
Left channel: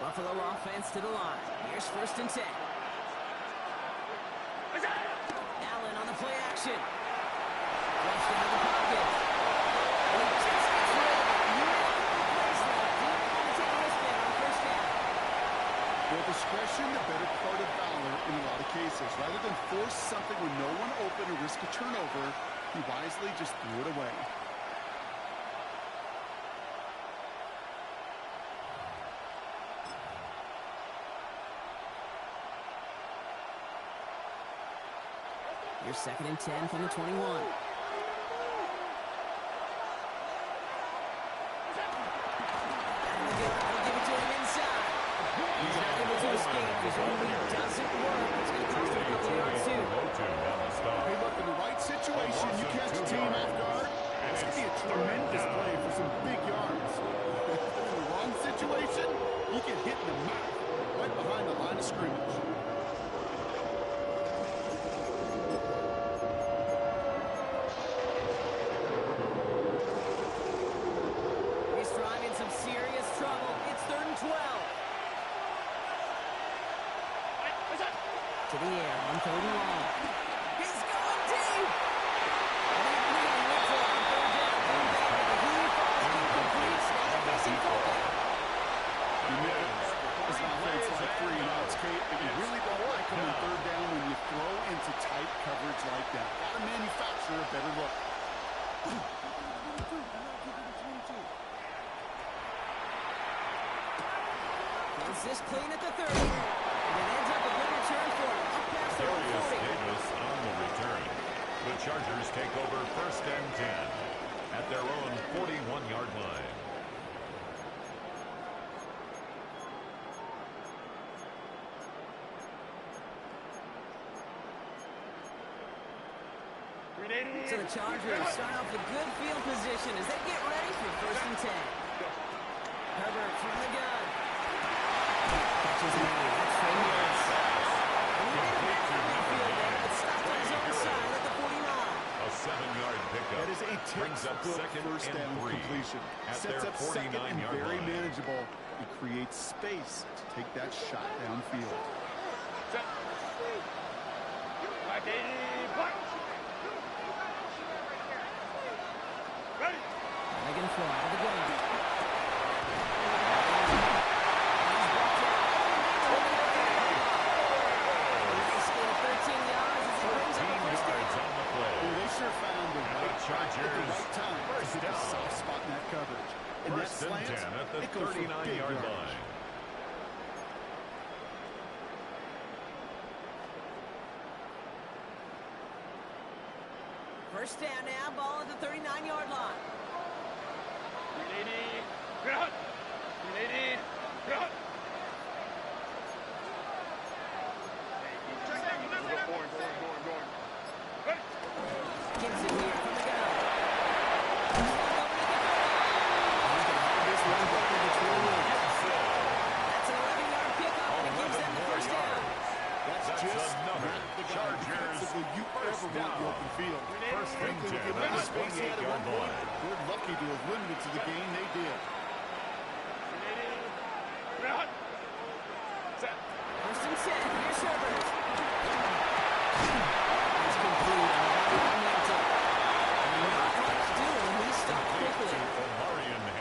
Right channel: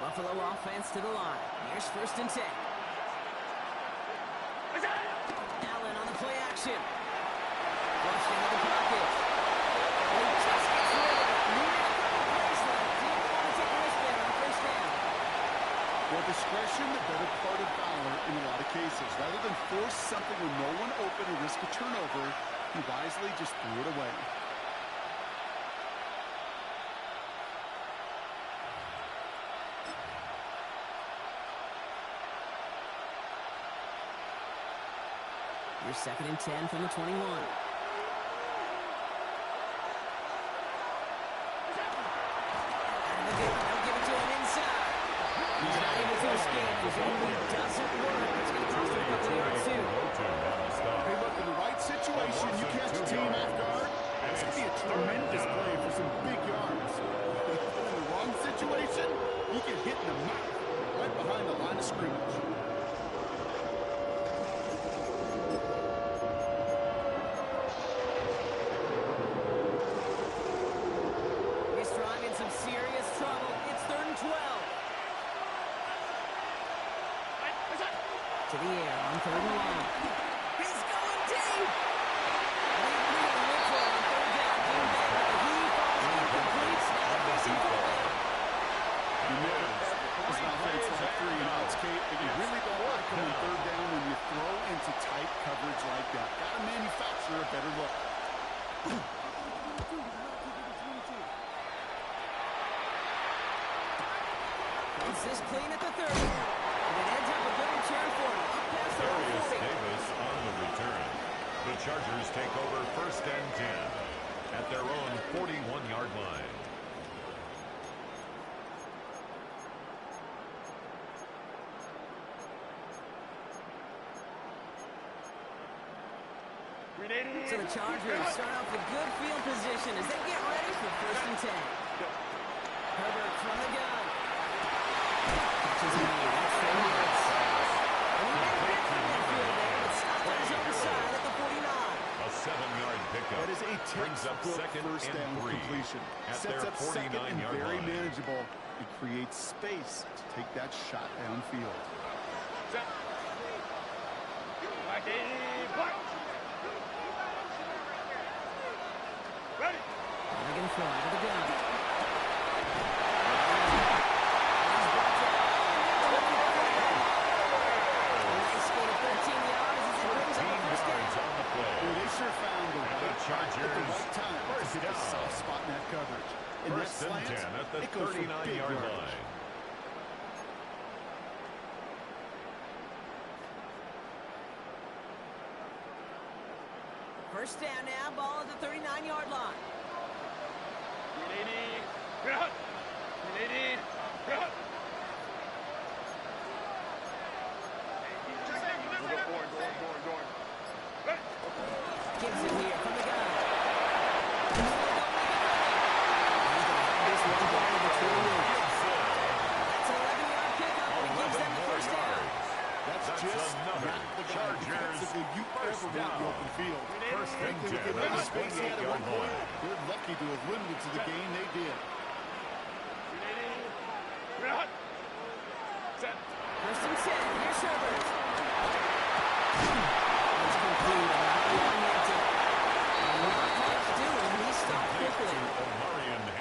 Buffalo offense to the line. Here's 1st and 10. Allen on the play action. Flushed into the pocket. And he just gets rid of it. You had a couple plays left. Didn't want to take a risk there on 1st down. Well, discretion, the better part of valor in a lot of cases. Rather than force something when no one open and risk a turnover, he wisely just threw it away. Here's 2nd and 10 from the 21. And they'll give it to him inside. He's not able to escape. His only doesn't work. It's going to cost him a couple of yards too. Hey, look, in the right situation, you catch a team off guard, it's going to be a tremendous play for some big yards. But in the wrong situation, you get hit in the mouth right behind the line of scrimmage. He's driving some serious trouble. It's 3rd and 12. To the air on 3rd and long. He's going deep. And he really went for it on 3rd down. Didn't they? But he falls incomplete. Now they're facing 4th down. You never ever as an offense like 3 and outs, Kate, but you really don't like them on 3rd down when you throw into tight coverage like that. Got to manufacture a better look. Is this clean at the 30? And it ends up a good return for him. Up past the Darius 40. Davis on the return. The Chargers take over 1st and 10 at their own 41-yard line. So the Chargers start off with good field position as they get ready for 1st and 10. Herbert from the gun. Catches an aid. That's Trey Harris. And he made a bit from midfield there, but stopped on his own side at the 49. A 7-yard pickup. That is a Brings up textbook 2nd first and down 3 completion. at Sets their up 2nd and 49-yard very line. manageable. It creates space to take that shot downfield. Set. Black 80, black. Ready. They're going to throw out of the gun. Nice gain of 13 yards as it brings up a first down. On the play. Well, they sure found the right shot at the right time to first hit the down. soft spot in that coverage. And that First and slant, 10 at the it goes for big 39-yard yardage. line. First down now, ball at the 39-yard line. 380. Cut. 380. Cut. Going. Ready. Gibson here from the gun. He's going to make it 30. He's going to have this one down to the 28. That's an 11-yard pickup, and it gives them the first down. That's just another not the guy Chargers defensively you ever want in the open field. First and Frankly, 10 with the amount at of the space he had at one 28-yard point, line. they're lucky to have limited to the gain they did. 380. Cut. Set. First and 10. Here's Herbert. It's complete on Hampton. And not much doing. He stopped quickly.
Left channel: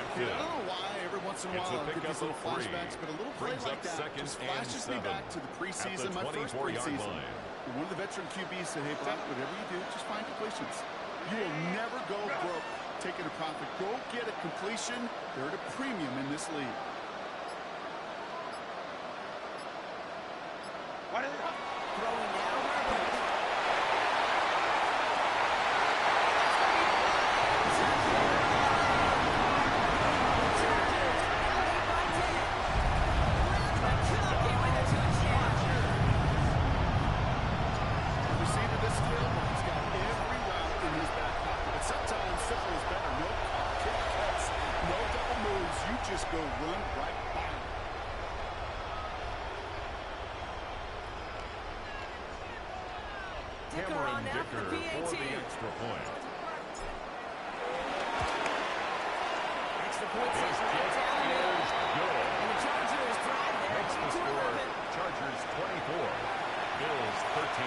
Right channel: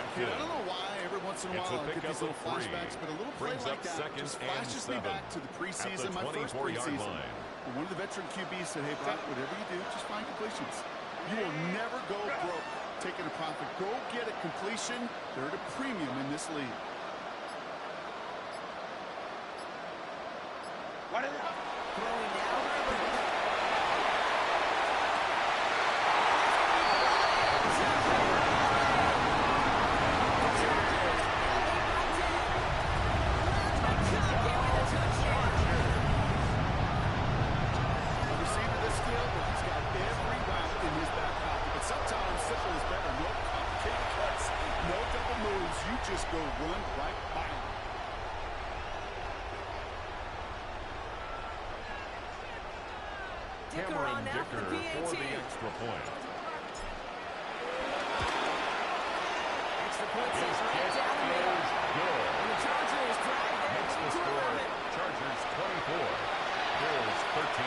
I don't know why every once in a while I get these little flashbacks, but a little play like that just flashes me back to the preseason, my first preseason. One of the veteran QBs said, hey, Brock, whatever you do, just find completions. You will never go broke taking a profit. Go get a completion. They're at a premium in this league. Throwing now, Herbert. You just go run right by him. Dicker on now for the PAT. For the extra point. Extra point is right down the middle. Good. And the Chargers drive there. Makes the score Chargers 24, Bills 13.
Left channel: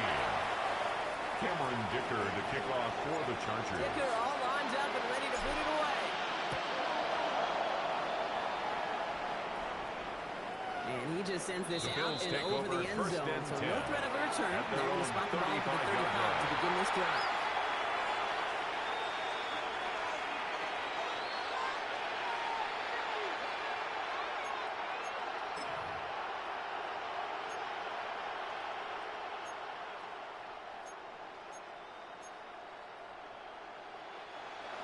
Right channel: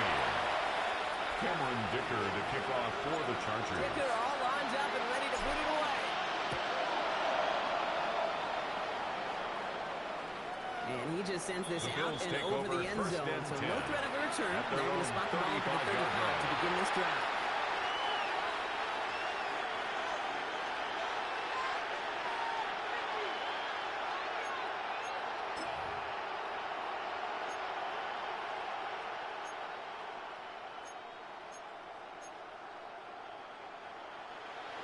Cameron Dicker to kick off for the Chargers. Dicker all lined up and ready to boot it away. And he just sends this out and over the end zone. So no threat of a return. They're going to spot the ball for the 35 to begin this drive.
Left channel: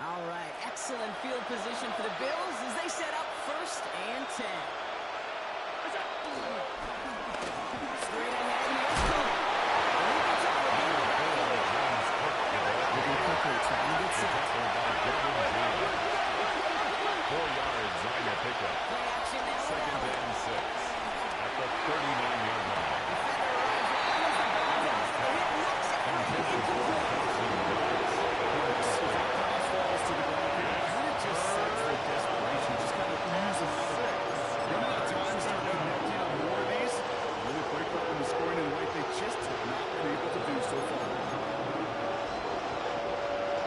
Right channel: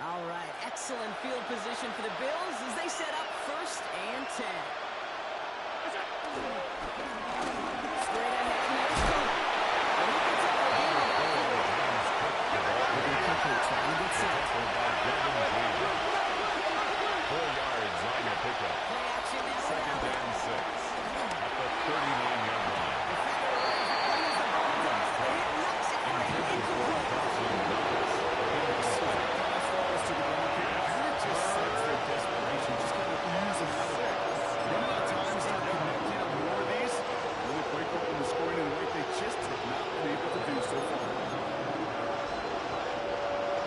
All right, excellent field position for the Bills as they set up first and 10. Straight ahead, here's Cook. And he gets up for a game of that field. Looking quickly, trying to get set. 4 yards on the pickup. Play action now. Second and 6 at the 39-yard line. Defender arrives right as the ball drops, and the hit knocks it free. Incomplete. Cross falls to the ground. It just sets their desperation. Just kind of ooze them out of there. Running out of time, start connecting on more of these. Really break open the scoring in a way they just have not been able to do so far.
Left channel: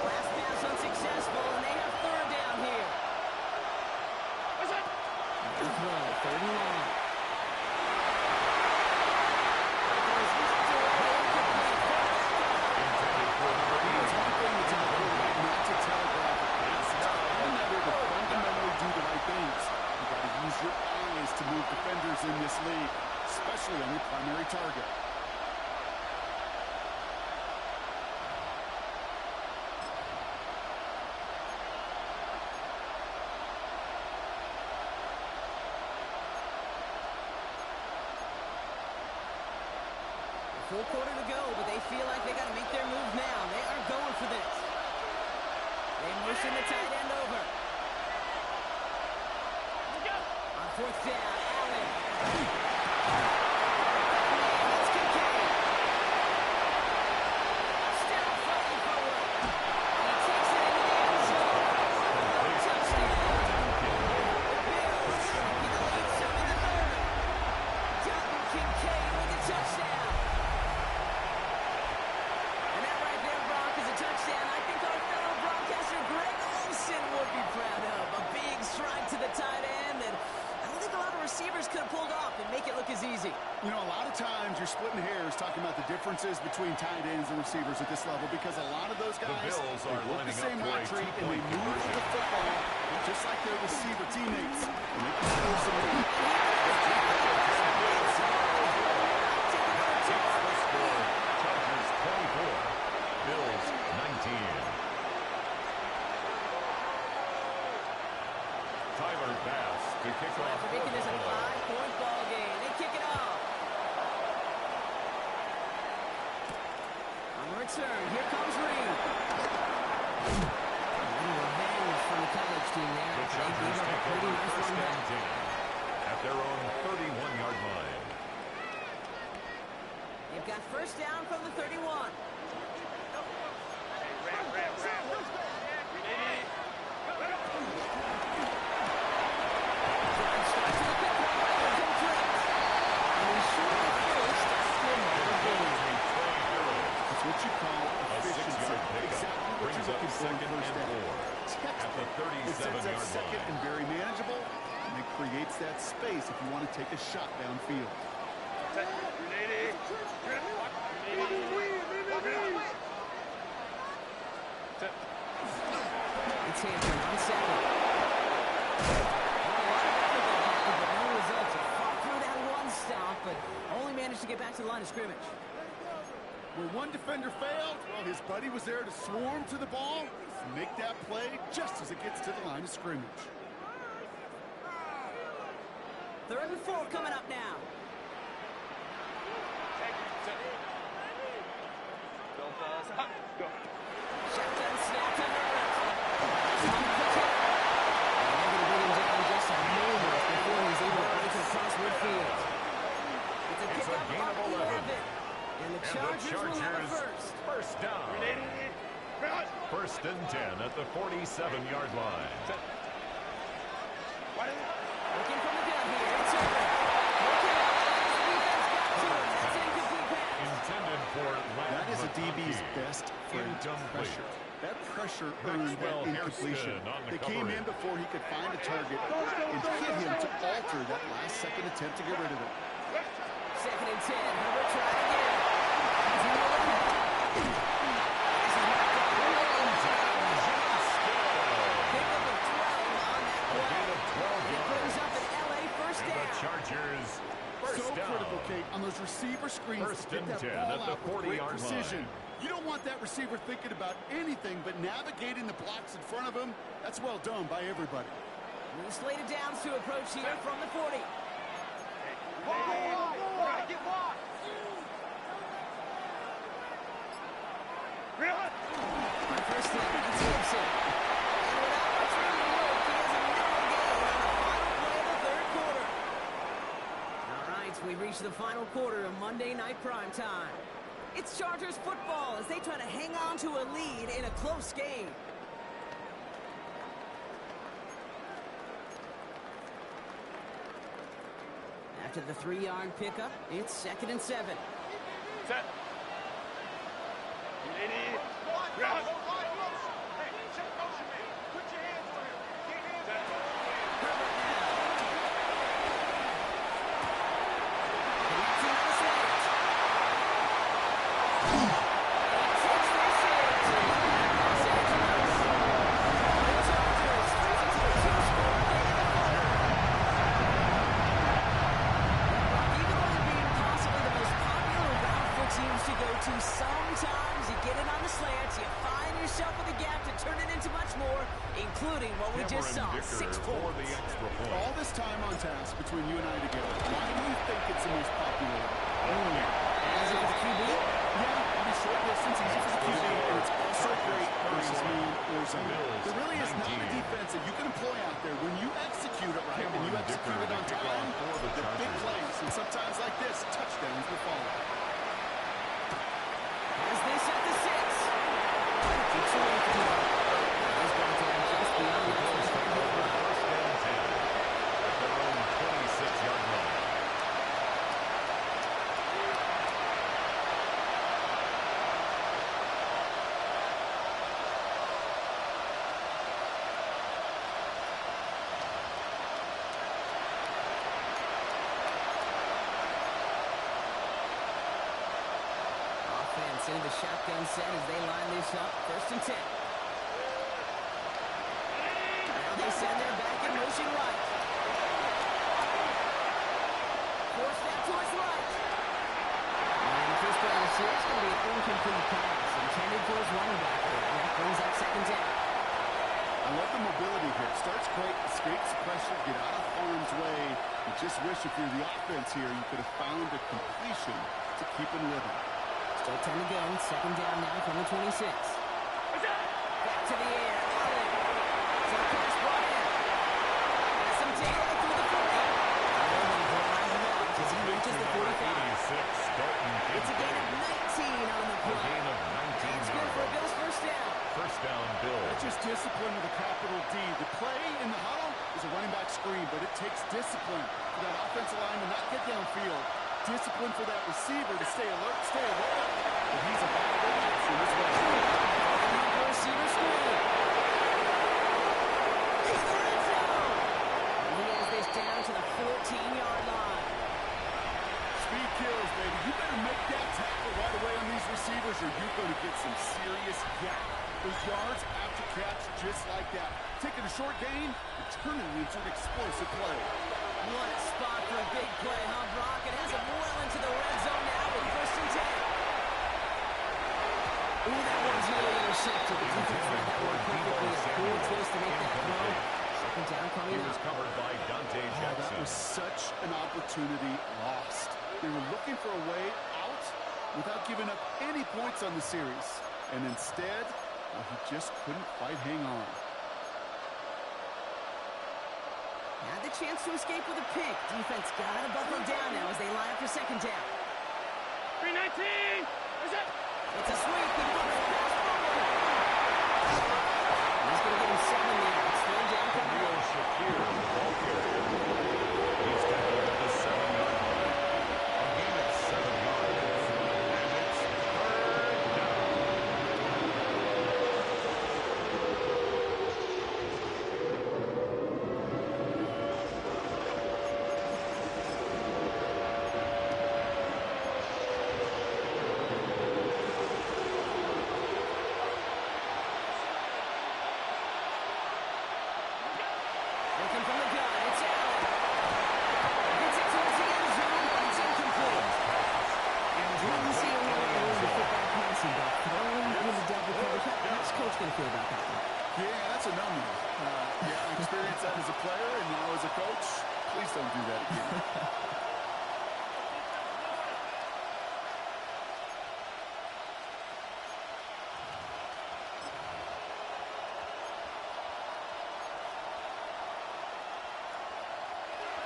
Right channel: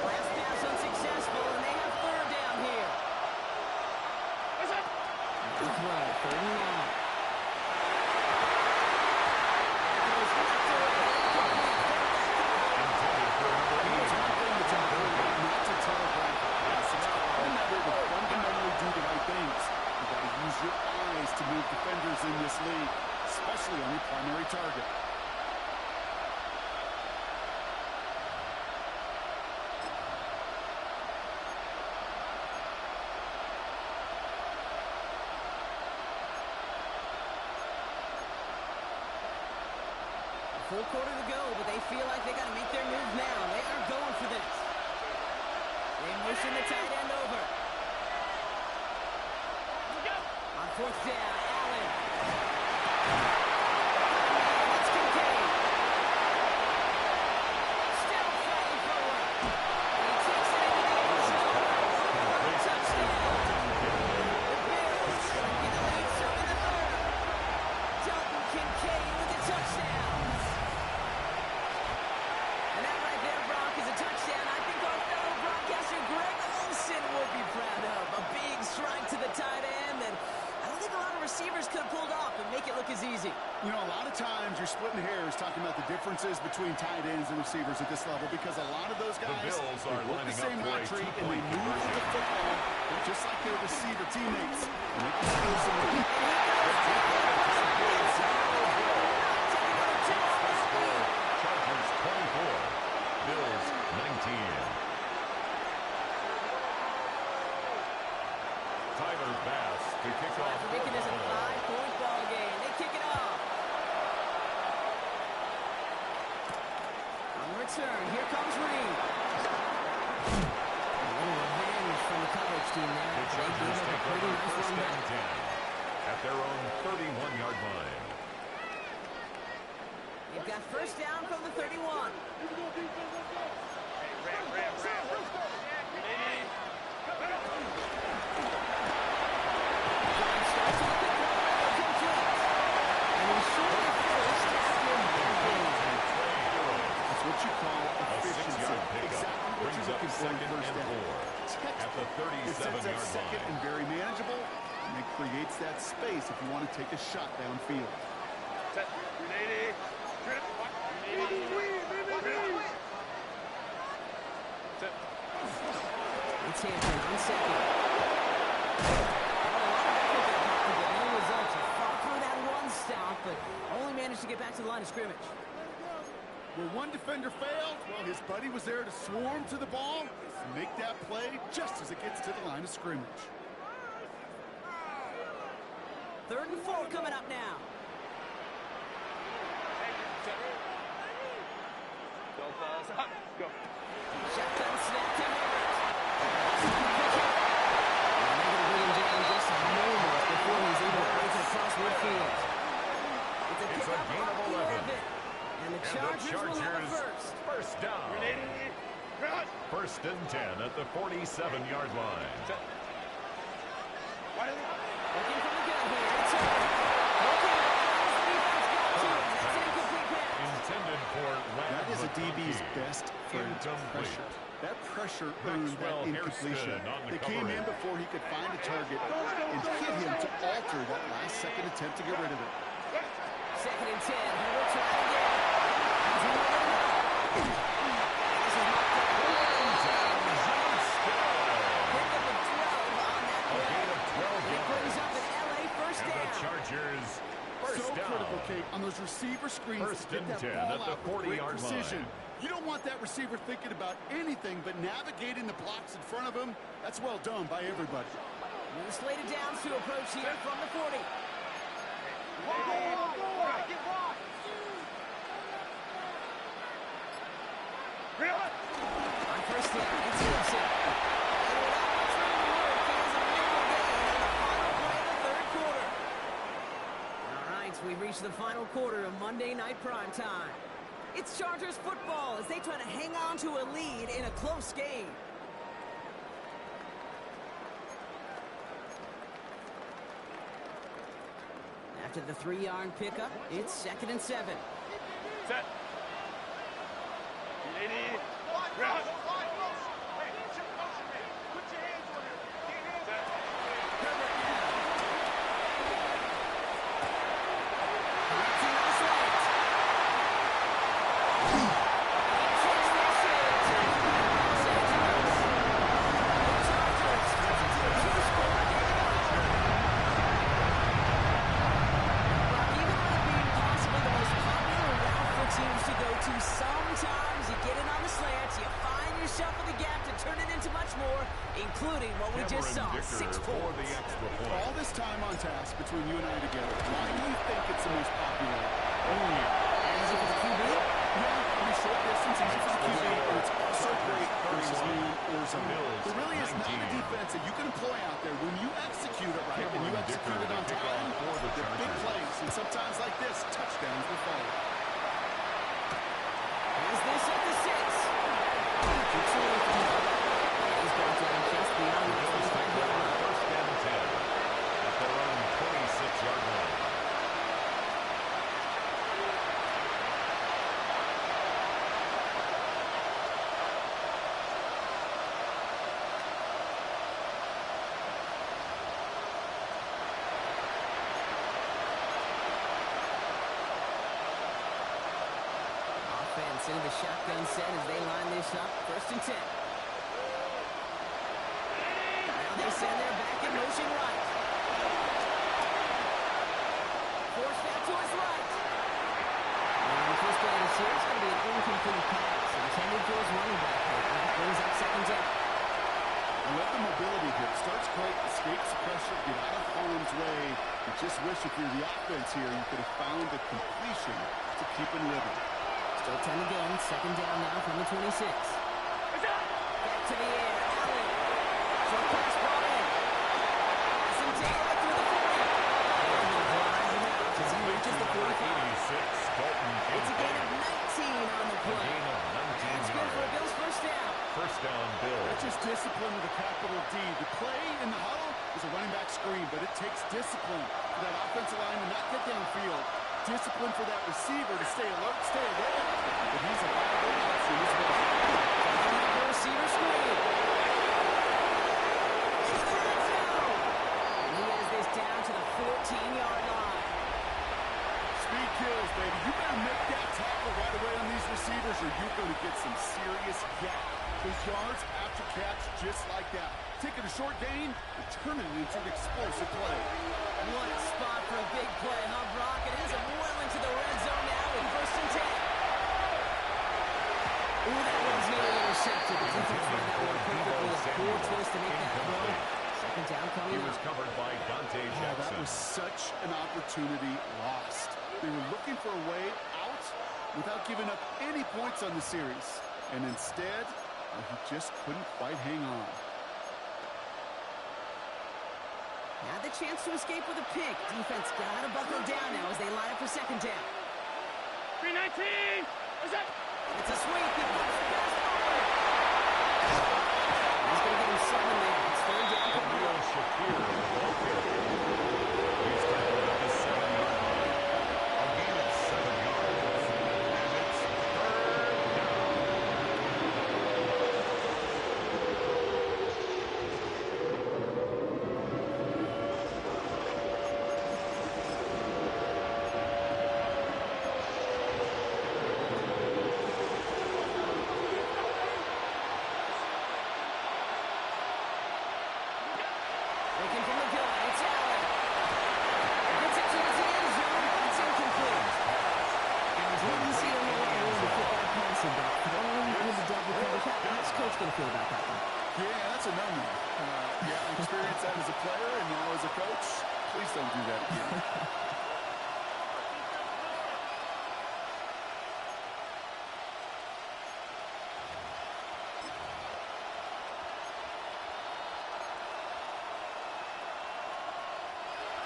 Last pass unsuccessful, and they have third down here. What's that? Third and long. It was knocked away. Intended for number 8. It's one thing to tell quarterback not to telegraph a pass. It's another to fundamentally do the right things. You got to use your eyes to move defenders in this league, especially on your primary target. Full quarter to go, but they feel like they got to make their move now. They are going for this. They motion the tight end over. On fourth down, Allen. That's Kincaid. Still fighting forward. And he takes it into the end zone. Touchdown. The Bills get the lead splitting hairs talking about the differences between tight ends and receivers at this level because a lot of those guys, The Bills are work the lining same up for a hot treat and they 2-point move with conversion. the football just like their receiver teammates. And they can score some And he goes down. It's taking another two off that lead. Chargers 24, Bills 19. Tyler Bass to kick So off after for making this a Buffalo. 5-point ball game, they kick it off. On the return, here comes Reed. A little revenge from the coverage team there. The They Chargers gave up a take pretty over nice first run and back. 10 at their own 31-yard line. They've got first down from the 31. Hey, ram. Drive starts with a pick run by the complete. And he's short of first after a minor gain. That's what you call A efficiency. 6-yard pickup Exactly what brings you're up looking for in second first and down. 4 at the It sets up 37-yard second line. and very manageable, and it creates that space if you want to take a shot downfield. Set. 380. 380. Set. It's Hampton on second. Well, a lot of effort there, Parker, but no results. He fought through that one stop, but only managed to get back to the line of scrimmage. Where one defender failed, well, his buddy was there to swarm to the ball and make that play just as it gets to the line of scrimmage. 3rd and 4 coming up now. Set. Don't stop. Go. Shotgun snap to Herbert. Quick hit. And they're going to bring him down just a moment before he's able to break it across midfield. It's a It's a pickup gain of of 11. 11. And the Chargers will have a first. first down. 380. Run. First and 10 at the 47-yard line. Set. Why did Looking from the gun here. It's Herbert. Looking out as the defense got to him. That's an incomplete pass. Intended for That is a DB's McConkey. best friend, Incomplete. pressure. That pressure earned Maxwell that incompletion. Hairston on the They came in coverage. before he could find a target and hit him to alter that last-second attempt to get rid of it. 2nd and 10. Herbert trying again. He's in over the middle. This is marked down. Pick up a 12 on that A play. gain of 12 And it brings up yards. an LA first And the down. Chargers first So down. critical, Kate, on those receiver screens First to get and that 10 ball at the out with great 40-yard precision. line. You don't want that receiver thinking about anything but navigating the blocks in front of him. That's well done by everybody. With a slated downs to approach here from the 40. Get wide. Run. On first down, it's Gibson. And without much room to work, he has a minimal gain on the final play of the 3rd quarter. All right, so we've reached the final quarter of Monday Night Primetime. It's Chargers football as they try to hang on to a lead in a close game. After the 3-yard pickup, it's 2nd and 7. Set. 380. Run. Set. Herbert now. Connecting on the slant. He takes this in to Los Angeles. The Chargers take it to a 2-score game in the 4th. Even with it being possibly the most popular route for teams to go to, sometimes you get it on the slants, you find yourself in the gap to turn it into much more, including what we just saw, Cameron 6 Dicker for the points. extra point. All this time on task between you and I together, why do you think it's the most popular? Easy for the QB? Yeah, I mean, short distance, easy for the QB, and it's also great versus man or zone. There really is not a defense that you can employ out there when you execute it right and you Cameron execute Dicker it on to kick time. off for the The big Chargers. plays, and sometimes like this, touchdowns will follow. Is this at the 6? Keeps away from him. He's brought down just beyond The that Bills take 25-yard over line. first and 10 at their own 26-yard line. offense into the shotgun set as they line this up. 1st and 10. Now they send their back in motion right. Forced out to his right. And the first play of the series is going to be an incomplete pass intended for his running back here. And that brings up 2nd down. I love the mobility here. It starts great, escapes the pressure, get out of harm's way. You just wish if you're the offense here, you could have found a completion to keep in rhythm. Still 10 to go. 2nd down now from the 26. Back to the air. Allen. Short pass brought in. Has some daylight through the 40. Allen drives him out as he reaches the 45. It's a gain of 19 on the play. A gain of 19 That's good for a Bills 1st down. 1st down, Bills. That's just discipline with a capital D. The play in the huddle is a running back screen, but it takes discipline for that offensive line to not get downfield. Discipline for that receiver to stay alert, stay aware. But he's a viable option as well. The receiver screen. To the red zone. And he has this down to the 14-yard line. Speed kills, baby. You better make that tackle right away on these receivers or you're going to get some serious gap. Those yards after catch just like that. Taking a short gain and turning it into an explosive play. What a spot for a big play, huh, Brock? It has him well into the red zone now with 1st and 10. Ooh, that one's nearly intercepted. The defense read that one perfectly. A poor choice to make that throw. 2nd down coming He was up. covered by Dante Jackson. That was such an opportunity lost. They were looking for a way out without giving up any points on the series. And instead, he just couldn't quite hang on. Had the chance to escape with a pick. Defense got to buckle down now as they line up for 2nd down. 319! It's a sweep. He puts the pass forward. He's going to get him 7 there. It's 3rd down coming Neil up. Shakir, the ball carrier. He's tackled at the 7-yard line. A gain of 7 yards. And it's 3rd down. Looking from the gun, it's Allen. Gets it towards the end zone, but it's incomplete. Didn't see a lot of room to fit that passing back. Throwing into double coverage. How's Coach going to feel about that one? Yeah, that's a no-no. Yeah, I experienced that as a player and now as a coach. Please don't do that again.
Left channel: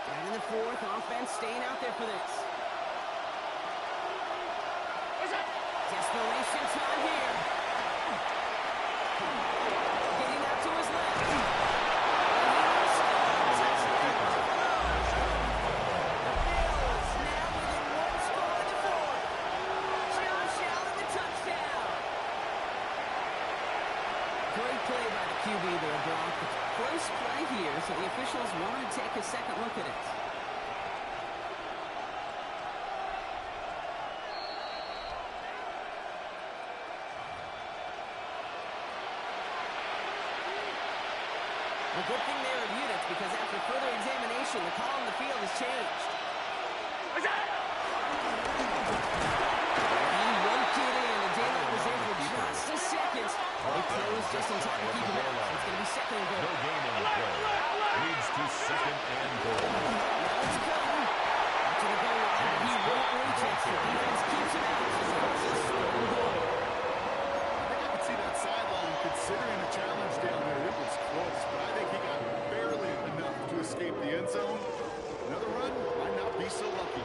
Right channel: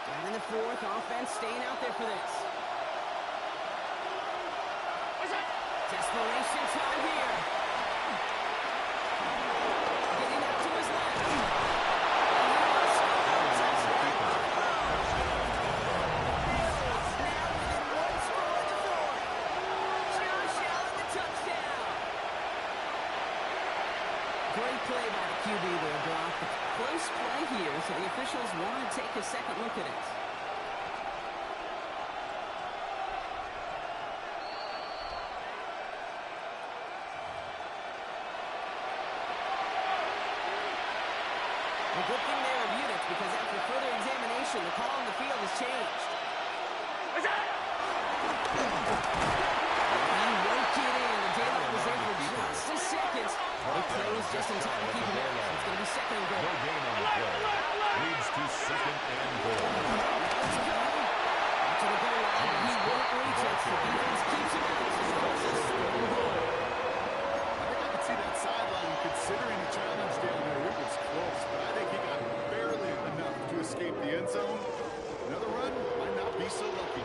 Down in the 4th, offense staying out there for this. Desperation time here. Getting out to his left. And he will score. Touchdown, Buffalo. The Bills now within 1 score in the 4th. Josh Allen, the touchdown. Great play by the QB there, Brock. Close play here, so the officials want to take a second look at it. A good thing they reviewed it because after further examination, the call on the field has changed. He won't get in. The daylight was there for just a second. They closed just in time to keep him out. So it's going to be 2nd and goal. No gain on the play. Leads to 2nd and goal. Let's go. Out to the goal line, but he won't reach it. The defense keeps him out. This is 3rd and goal. I think I could see that sideline considering a challenge down there. It was close, but I think he got barely enough to escape the end zone. Another run might not be so lucky.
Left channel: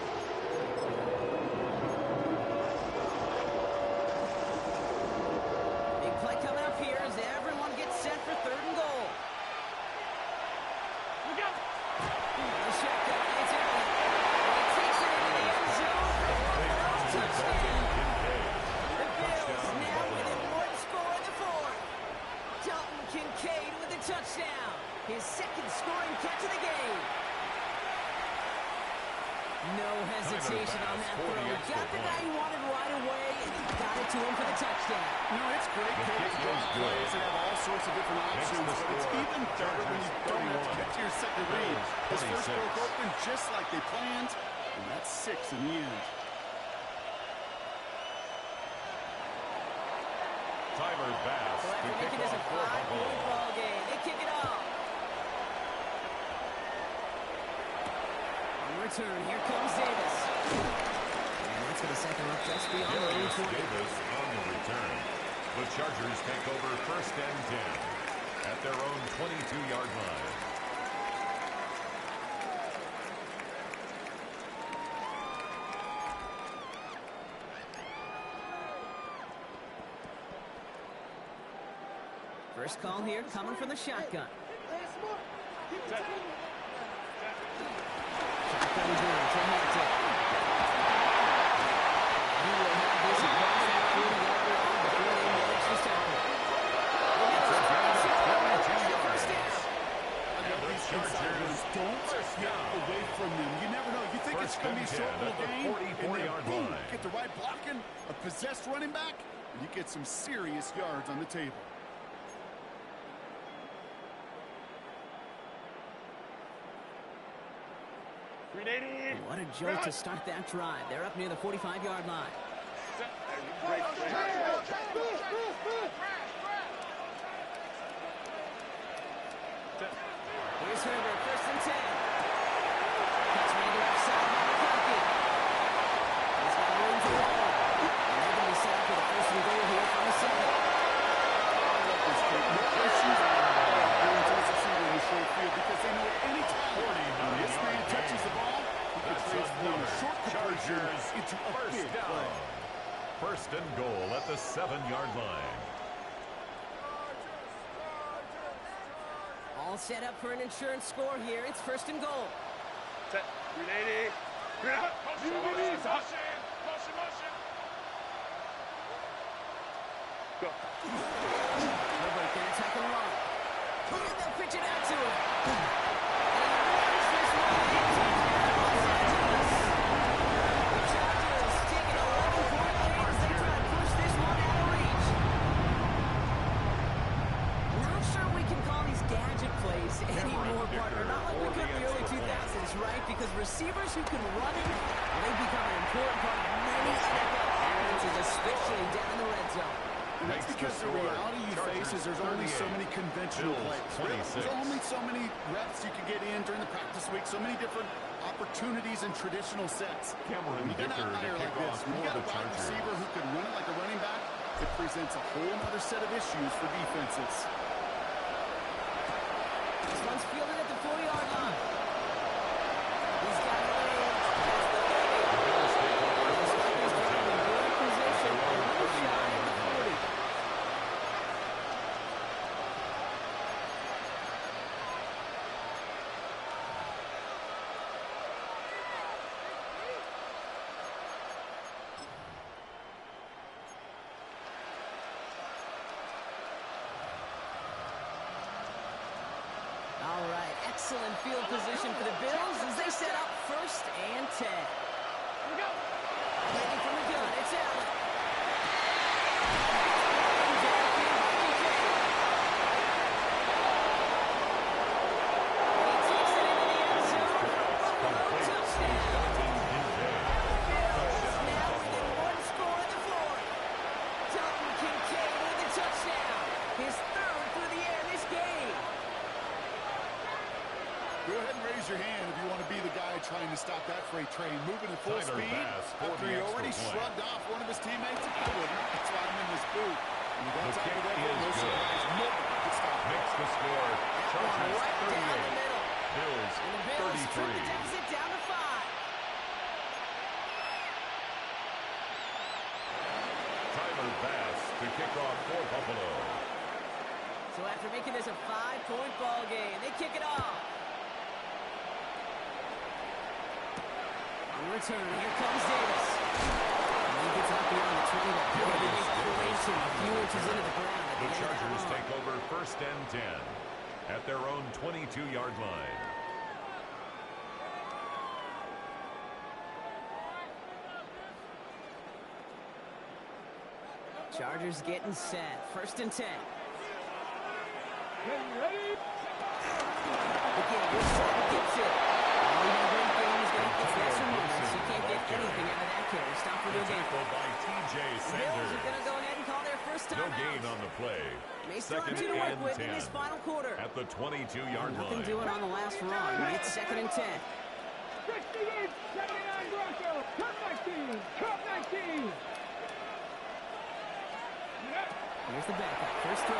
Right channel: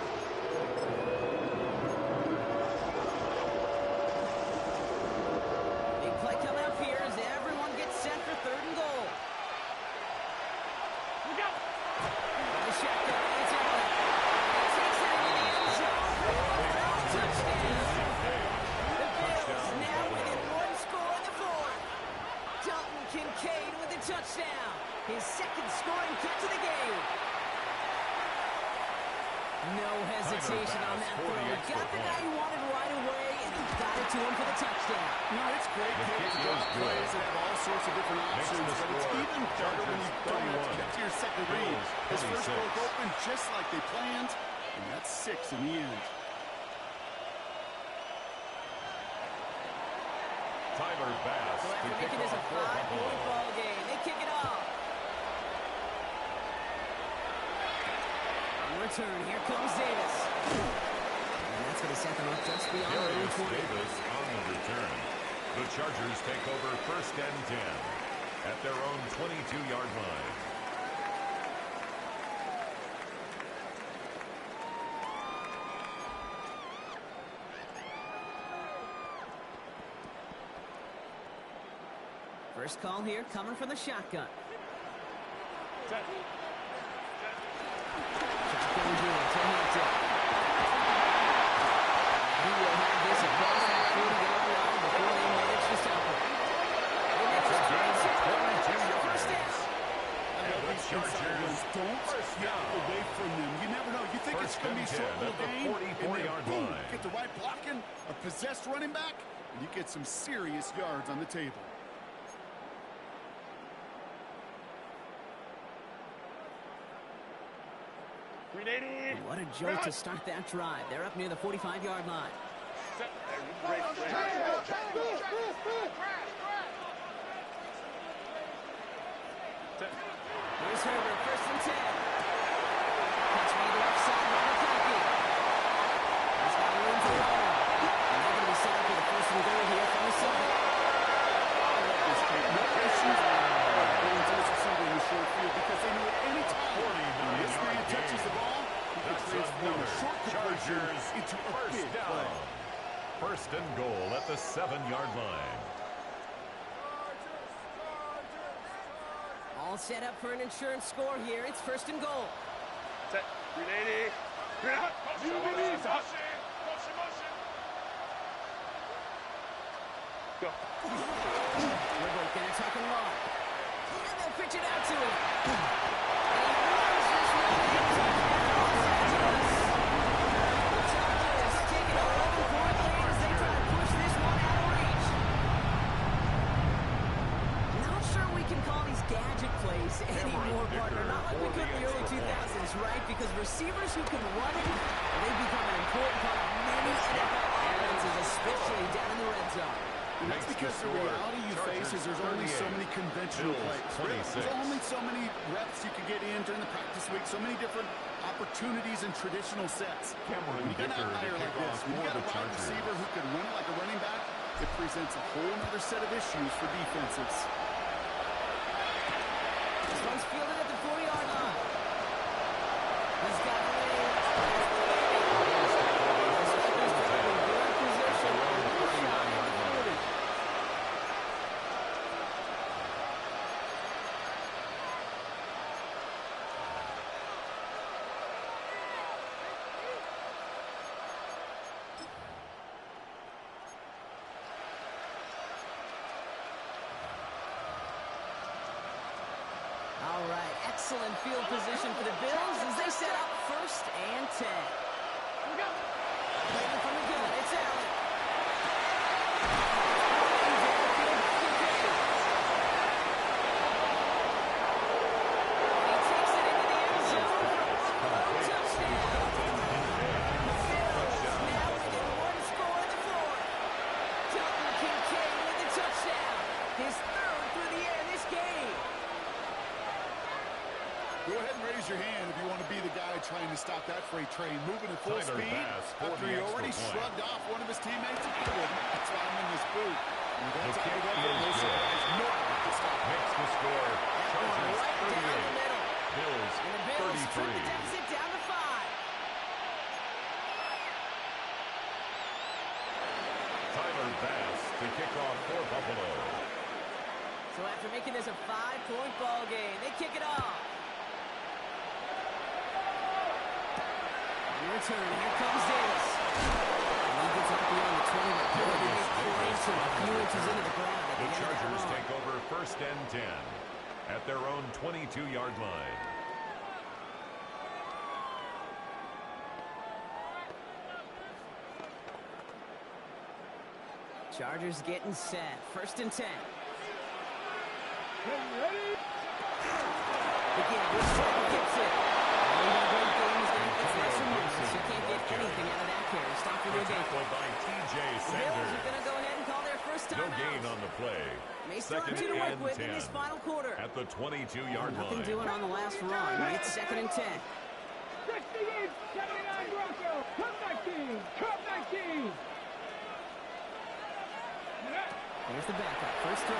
Big play coming up here as everyone gets set for 3rd and goal. Look out! From the shotgun, it's Allen. And he takes it into the end zone for Buffalo. Touchdown. The Bills now within 1 score in the 4th. Dalton Kincaid with a touchdown. His 2nd scoring catch of the game. No hesitation on that throw. Got the guy he wanted right away, and he got to him for the touchdown. You know, it's great, The Kate, kick to draw is good. plays that have all sorts of different Makes options, the but it's score. even better when you don't have to 31. get to your second read. Bills, His first 26. broke open just like they planned, and that's 6 in the end. Tyler Bass So to after kick making this a off for 5-point Buffalo. ball game, they kick it off. On return, here comes Davis. And that's going to set them up just beyond the Darius 20. Davis on the return. The Chargers take over first and 10 at their own 22-yard line. First call here coming from the shotgun. Shotgun deal to Hampton. He will have this across that 40-yard line before they manage to stop him. They manage It's a to gain of 22 first yards. down. I love these inside runs. Don't first get down. away from them. You never know. You think First it's going to be a and short 10 little at the gain, and 44-yard then, boom, line. get the right blocking, a possessed running back, and you get some serious yards on the table. What a jolt to start that drive. They're up near the 45-yard line. Here's Herbert, first and 10. Catch made left side by McConkey. He's got room to roll. And they're going to be set up with a first and goal here from the 7. I love this kid. No issues going to this receiver in the short field because they know at any time when this man 49-yard touches gain. the ball, he can That's transform a another short completion Chargers into a first big down. play. First and goal at the 7-yard line. All set up for an insurance score here. It's first and goal. Set. 380. Motion. Go. Herbert going to tuck and run. And they'll pitch it out to him. And he runs this one in. Touchdown, Los Angeles. The Chargers take an 11-point lead as they try to push this one out of reach. Not sure we can call these gadget plays anymore, partner. Not like we could in the early 2000s, right? Because receivers who can run it, well, they become an important part of many NFL offenses, especially down in the red zone. And that's because the reality you face is there's only so many conventional plays. Really, there's only so many reps you can get in during the practice week, so many different opportunities and traditional sets. Cameron When you got an Dicker to outlier like kick this, off when you for got a the wide Chargers. receiver who can run it like a running back, it presents a whole other set of issues for defenses. This one's fielded at the 40-yard line. He's got a lane. That's the baby. Bills take over The first Chargers and 10 drive in good at position. their own A little shy of 39-yard the line. 40. All right, excellent field position for the Bills as they set up first and 10. Waiting from the gun, it's Allen. Running downfield by Kincaid. And he takes it into the end zone for Buffalo, touchdown. Bills now within one score in the fourth. Dalton Kincaid with the touchdown. His third through the air this game. Go ahead and raise your hand if you want to be the guy trying to stop that freight train moving at full Tyler speed Bass for after the he extra already point. shrugged off one of his teammates. I wouldn't. That's why I'm in this booth. And with that The type kick of effort, is no good. surprise, nobody can stop it. Makes the score. That one Chargers right down the 38. middle. Bills And the Bills trim the 33. deficit down to 5. Tyler Bass to kick off for Buffalo. So after making this a 5-point ball game, they kick it off. On return, here comes Davis. And he gets up beyond the 20, but boy, did they place him a few inches into the ground at the The end of that Chargers run. take over first and 10 at their own 22-yard line. Chargers getting set. 1st and 10. Ready? Again, we're set and gets it. Oh, he had a great game. He's going to get less removals. You can't get anything out of that carry. Stop for no gain. Tackled by T.J. The Sanders. Bills are going to go ahead and call their first time No gain out. on the play. May still have 2nd 2 to work and with 10. in this final quarter. At the 22-yard line. Nothing doing on the last run. It's 2nd and 10. 68, 79 Broncos. Cup 19. Cup 19. Here's the backup. First throw.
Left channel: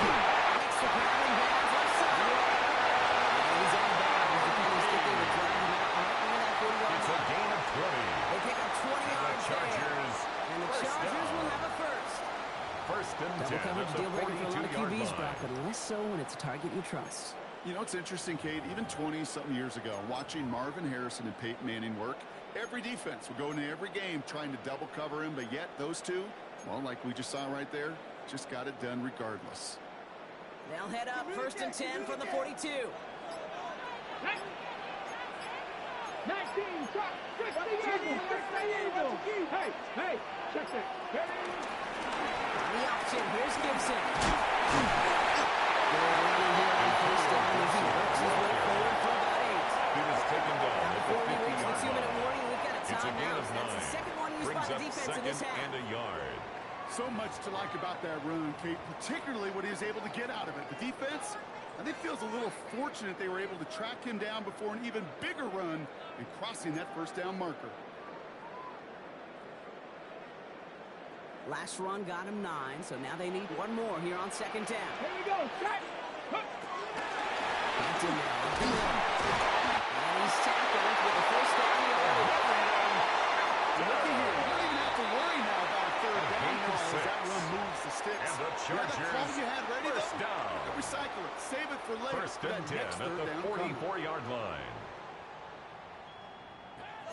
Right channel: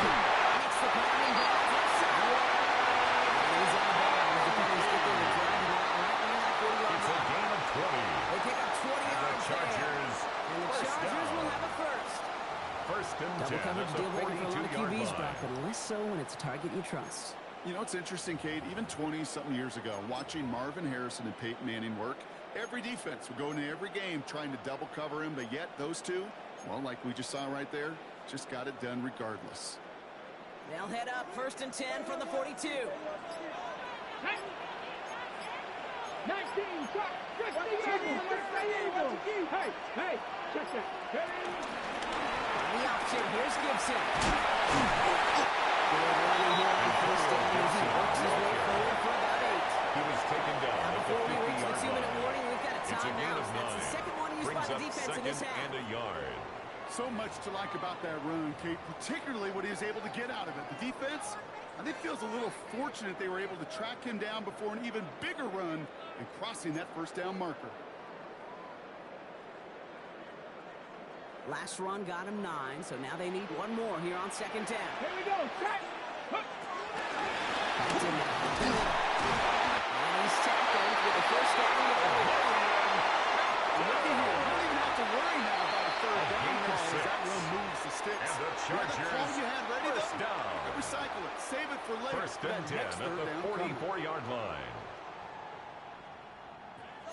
Makes the ground and bounds left side. And he's out of bounds. Defenders get there to drive him out right near that 40-yard It's a line. gain of 20. They pick up 20 The yards Chargers, there. And the first Chargers down. will have a first. 1st and 10. Double coverage At the deal breaker for a lot of 42-yard QBs, line. Brock, but less so when it's a target you trust. You know, it's interesting, Kate, even 20-something years ago, watching Marvin Harrison and Peyton Manning work, every defense would go into every game trying to double cover him, but yet those two, well, like we just saw right there, just got it done regardless. They'll head up 1st and 10 from the 42. 19, chuck, 50 Eagles. Hey, check that. Ready? On the option, here's Gibson. Good running here on 1st down as he works his way forward for about 8. He was taken down Now at the before we reach the 50-yard 2-minute line. warning, we've got a It's a gain timeout. of 9. That's the second one used Brings by the up defense in 2nd this half. and a yard. So much to like about that run, Kate, particularly what he was able to get out of it. The defense, I think, feels a little fortunate they were able to track him down before an even bigger run and crossing that 1st down marker. Last run got him 9, so now they need one more here on 2nd down. Here we go. Check. Back to now, up the middle. And he's tackled with the 1st down yardage. Look at here. You don't even have to worry now about a 3rd down gain of call as 6. that run moves the sticks. And the You have that Chargers, call you had ready, first though? down. Recycle it. Save it for later. 1st for and that 10 next at 3rd the down coming. 44-yard line.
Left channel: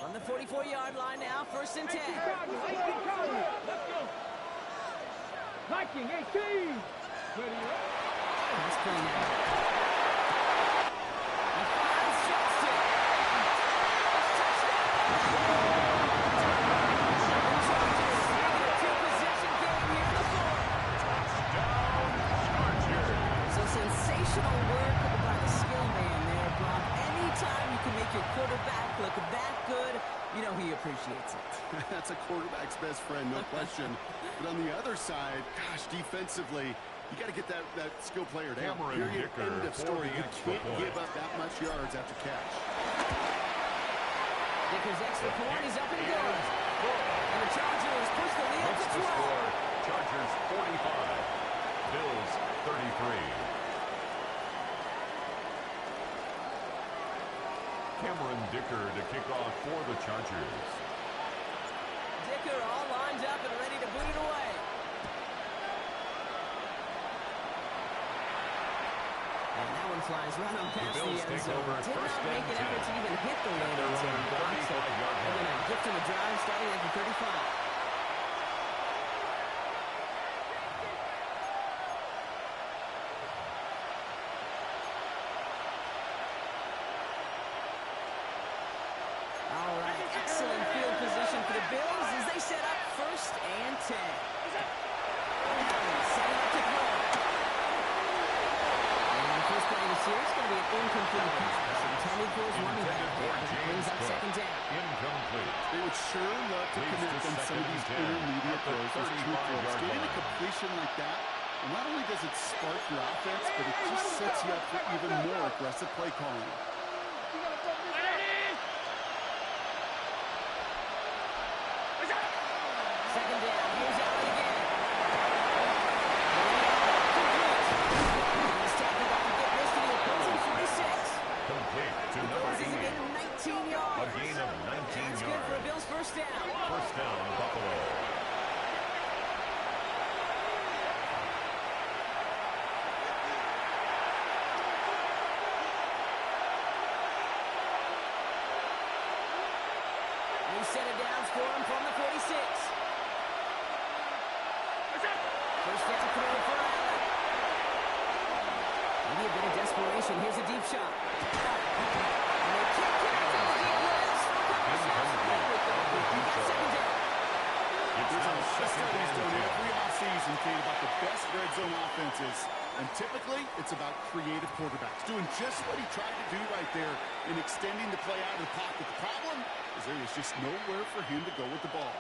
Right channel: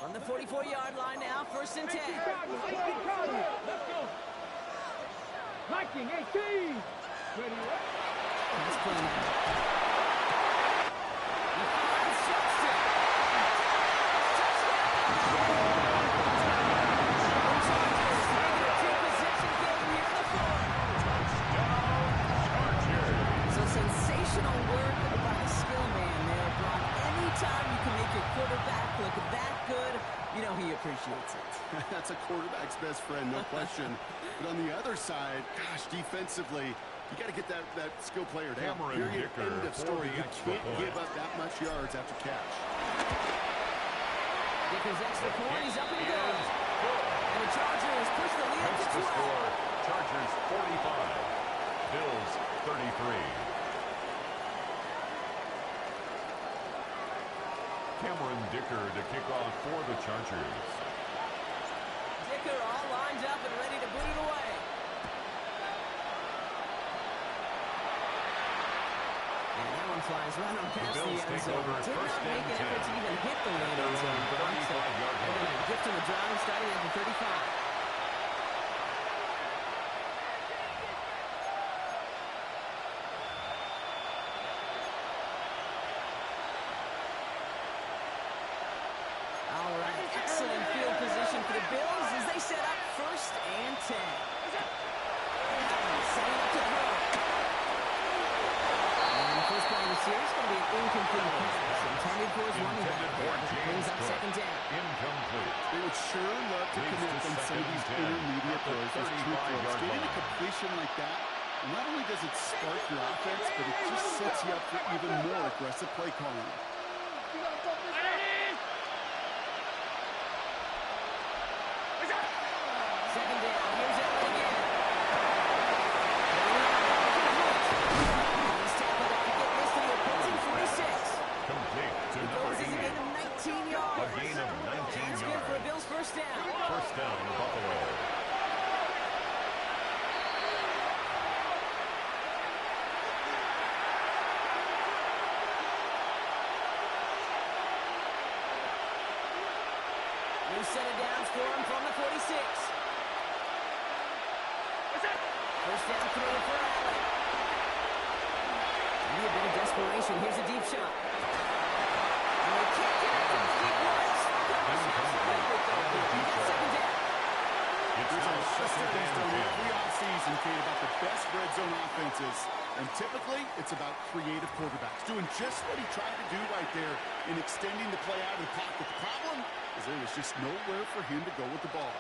On the 44-yard line now, 1st and 10. 18 Chargers. Let's go. Viking, 18. Ready? Let's play now. He finds Justin. Touchdown! The Chargers make it a 2-possession game here in the 4th. Touchdown, Chargers. So sensational work by the skill man there, Brock. Anytime you can make your quarterback look that good, you know he appreciates it. That's a quarterback's best friend, no question. But on the other side, gosh, defensively, you got to get that skill player down. Cameron Period. Dicker End of for story. the You extra can't point. give up that much yards after catch. Dicker's extra point is up and Is good. good. And the Chargers push the lead up Makes to the 12. score Chargers 45, Bills 33. Cameron Dicker to kick off for the Chargers. Dicker all lined up and ready to boot it away. And that one flies right on past the Bills end take zone. over Did 1st not make and an effort 10. to even hit the At their landing zone, own Brock. So 35-yard they're going line. to gift him a drive starting at the 35. All right, excellent field position for the Bills as they set up 1st and 10. Allen setting up to throw. And the first play of the series is going to be an incomplete pass intended for his running back. Intended for As it brings James up Cook. 2nd down. Incomplete. They would sure love to Leads connect to on some of 2nd these and 10 intermediate at the throws, those true 35-yard throws. Getting a line. completion like that, and not only does it spark your offense, but it just sets you up for even more aggressive play calling. Second down. Here's Allen again. Going out, complete. And he's tackled out to get this to the opposing 46. Complete to It number goes as a 80. gain of 19 yards. A gain of 19 That's good for a yards. Bills first down. First down, Buffalo. New set of downs for him from the 46. First down throw for Allen. Maybe a bit of desperation. Here's a deep shot. And they can't connect on the deep right. Still comes with the. He got 2nd down. It's There's a now lot of second studies and done 10. every offseason, Kate, about the best red zone offenses. And typically, it's about creative quarterbacks doing just what he tried to do right there in extending the play out of the pocket. The problem is there was just nowhere for him to go with the ball.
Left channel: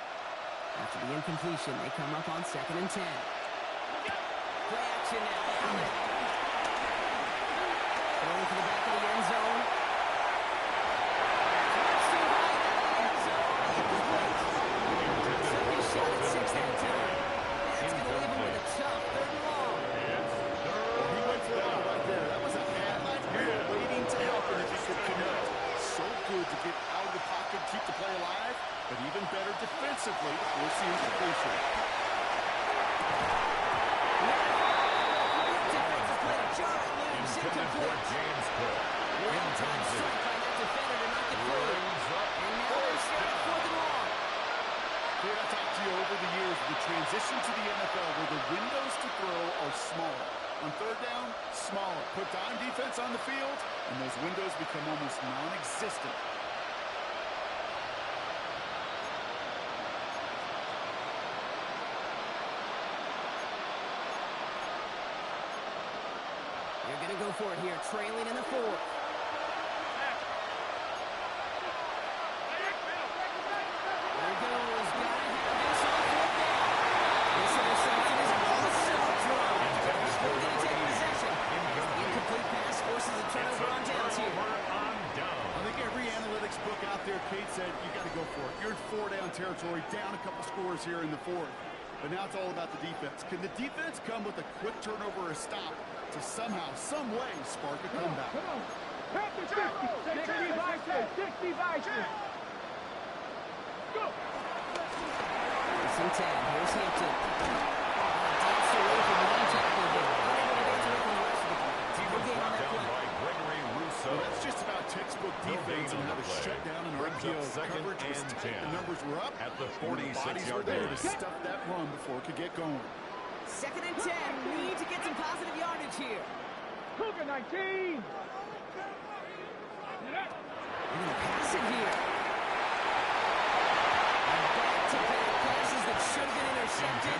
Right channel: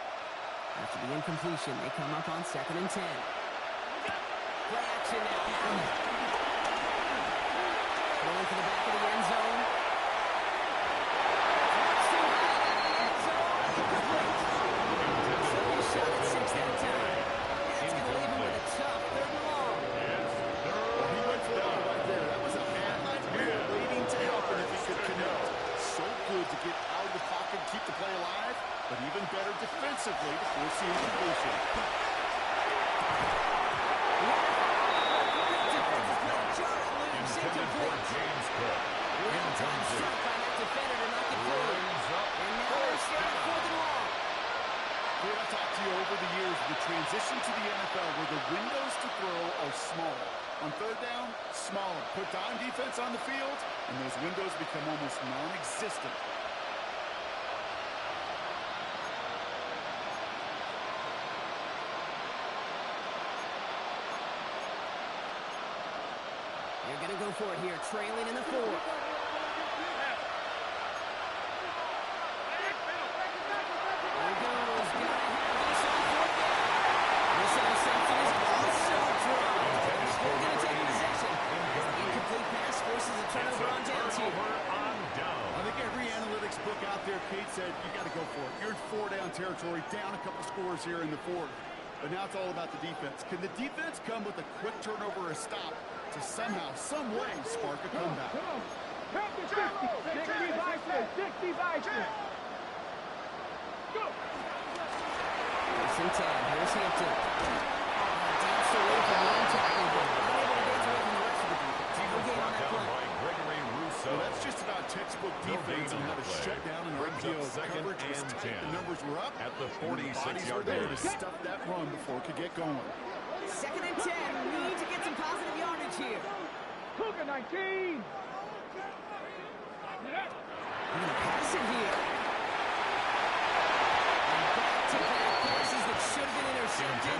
After the incompletion, they come up on 2nd and 10. Play action now. Allen. Throwing to the back of the end zone. Much too high out of the end zone. Incomplete. Took his shot at 6 that time. That's going to leave him with a tough 3rd and long. He went for it all right there. That was a Madden player waiting to happen if he could connect. So good to get out of the pocket, keep the play alive, but even better defensively to force the incompletion. Defensive play to jar it loose. Intended for James Cook. Well-timed strike by that defender to knock it through. And now they're still at 4th and long. Dude, I've talked to you over the years, the transition to the NFL where the windows to throw are small. On 3rd down, smaller. Put dime defense on the field, and those windows become almost non-existent. You're going to go for it here, trailing in the 4th. There he goes. Got to have this on 4th down. This interception is also dropped. They're still going to take possession. Incomplete pass forces a turnover on downs here. I think every analytics book out there, Kate said, you got to go for it. You're in 4-down territory, down a couple scores here in the 4th. But now it's all about the defense. Can the defense come with a quick turnover or a stop to somehow, some way, spark a comeback? Come on. Help the 60 vices. 60 vices. Go. 1st and 10. Here's Hampton. Danced away from one tackle, but unable to dance away from the rest of the defense. He No was gain on brought that down play. by Gregory Rousseau. Well, that's just about textbook defense and how to shut down an Brings RPO. up 2nd Coverage was and tight. 10. The numbers were up. At the And the bodies 46-yard were there to line. stuff that run before it could get going. 2nd and 10. Need to get some positive yardage here. Cougar 19. We're going to pass it here. And back-to-back passes that should have been intercepted.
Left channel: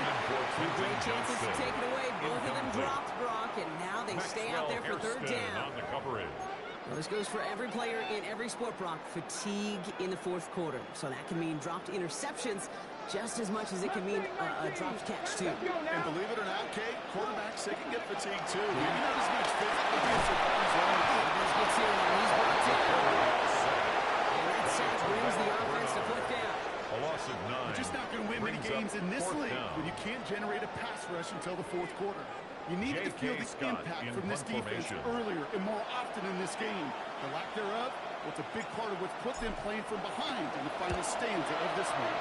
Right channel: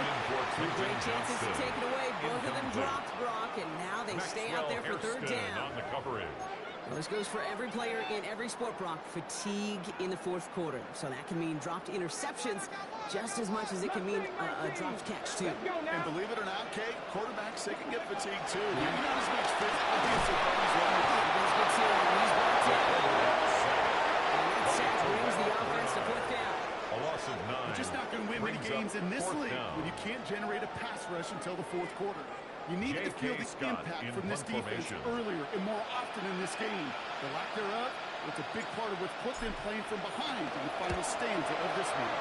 Two great chances to take it away. Both of them dropped, Brock, and now they stay out there for 3rd down. On the coverage. Well, this goes for every player in every sport, Brock. Fatigue in the 4th quarter. So that can mean dropped interceptions just as much as it can mean a dropped catch, too. And believe it or not, Kate, quarterbacks, they can get fatigued, too. Maybe not as much physical against their bodies running. This gets here, and he's brought down. And that sack brings the offense to 4th down. A loss of 9. You're just not going to win many Brings games up in this 4th league down. when you can't generate a pass rush until the 4th quarter. You needed to feel the Scott impact in from this punt defense formation. earlier and more often in this game. The lack thereof was a big part of what put them playing from behind in the final stanza of this one.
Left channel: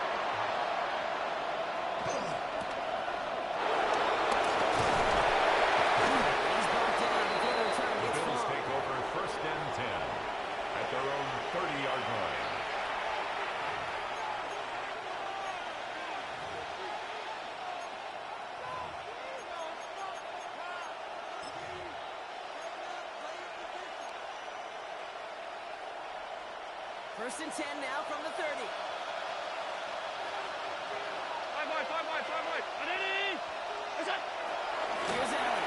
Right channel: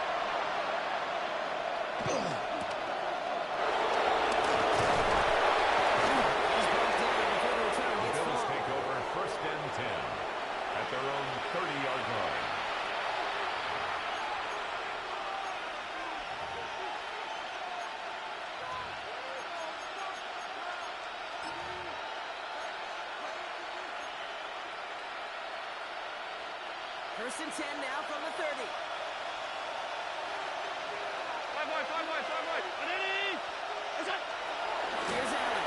He's brought down before the return The gets Bills far. take over 1st and 10 at their own 30-yard line. First and 10 now from the 30. Five wide. Ready? That's it. Here's Allen.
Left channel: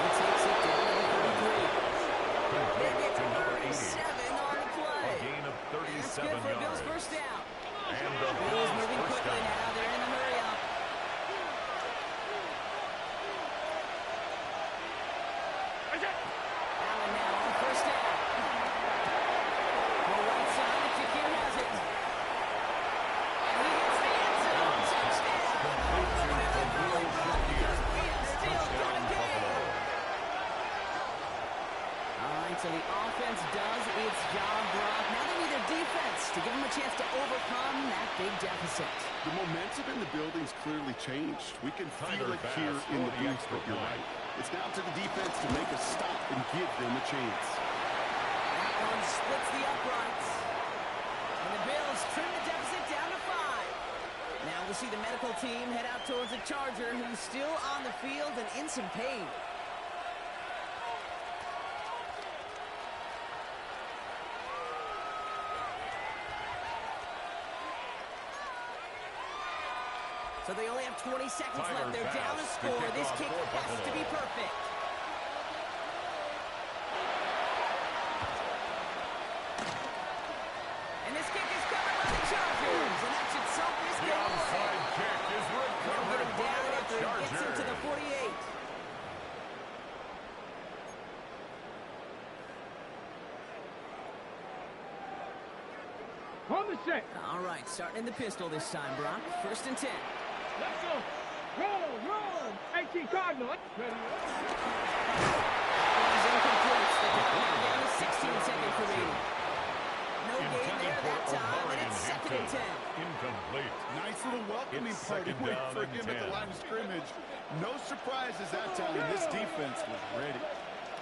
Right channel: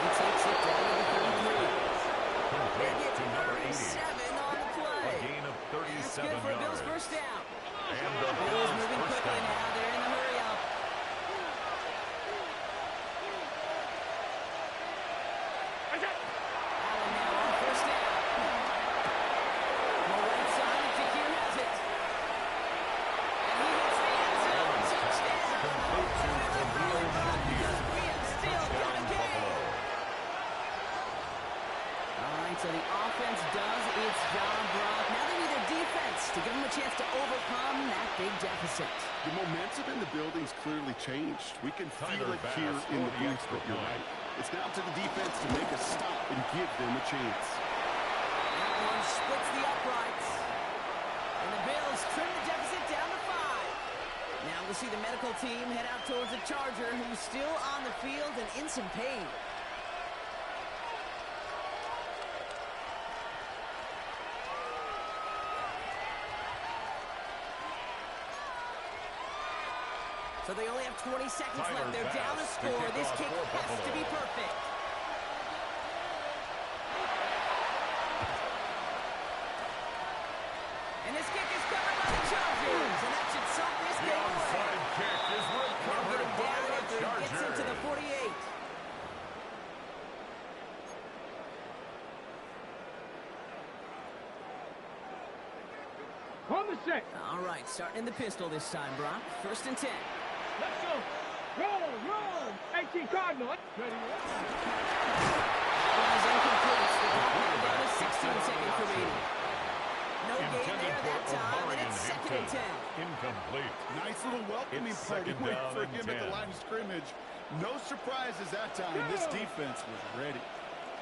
He takes it down to the 33. Complete They get to number 80. 37 on the A play. gain of That's 37 good for Bills yards. 1st down. And the Bills Bills moving 1st quickly down. now. They're in the hurry up. That's it. Allen now on 1st down. Go right side, and Shakir has it. And he hits the end zone. Allen's pass Touchdown. complete to Khalil Shakir. We have still got a Touchdown, game. Buffalo. All right, so the offense does its job, Brock. Now they need their defense to give them a chance to overcome that big deficit. The momentum in the building's clearly changed. We can feel Tyler it here Bass in for the the booth, extra but you're point. right. It's now to the defense to make a stop and give them a chance. That one splits the uprights. And the Bills trim the deficit down to 5. Now we'll see the medical team head out towards the Charger, who's still on the field and in some pain. So they only have 20 seconds Tyler left. They're down a Bass to score. kick This off kick for has to Buffalo. be perfect. And this kick is covered by the Chargers. And that should salt this The game away. onside kick is They'll get recovered him by down the after he gets Chargers. into the 48. On the set. All right, starting in the pistol this time, Brock. 1st and 10. Let's go. Roll. 18 Cardinal. Ready. One is incomplete. The clock now down to 16 seconds remaining. No gain Intended there that for time, and Omarion it's 2nd and 10. Incomplete. Nice little welcoming It's party second wait down for and him at the 10. line of scrimmage. No surprises that time. This defense was ready.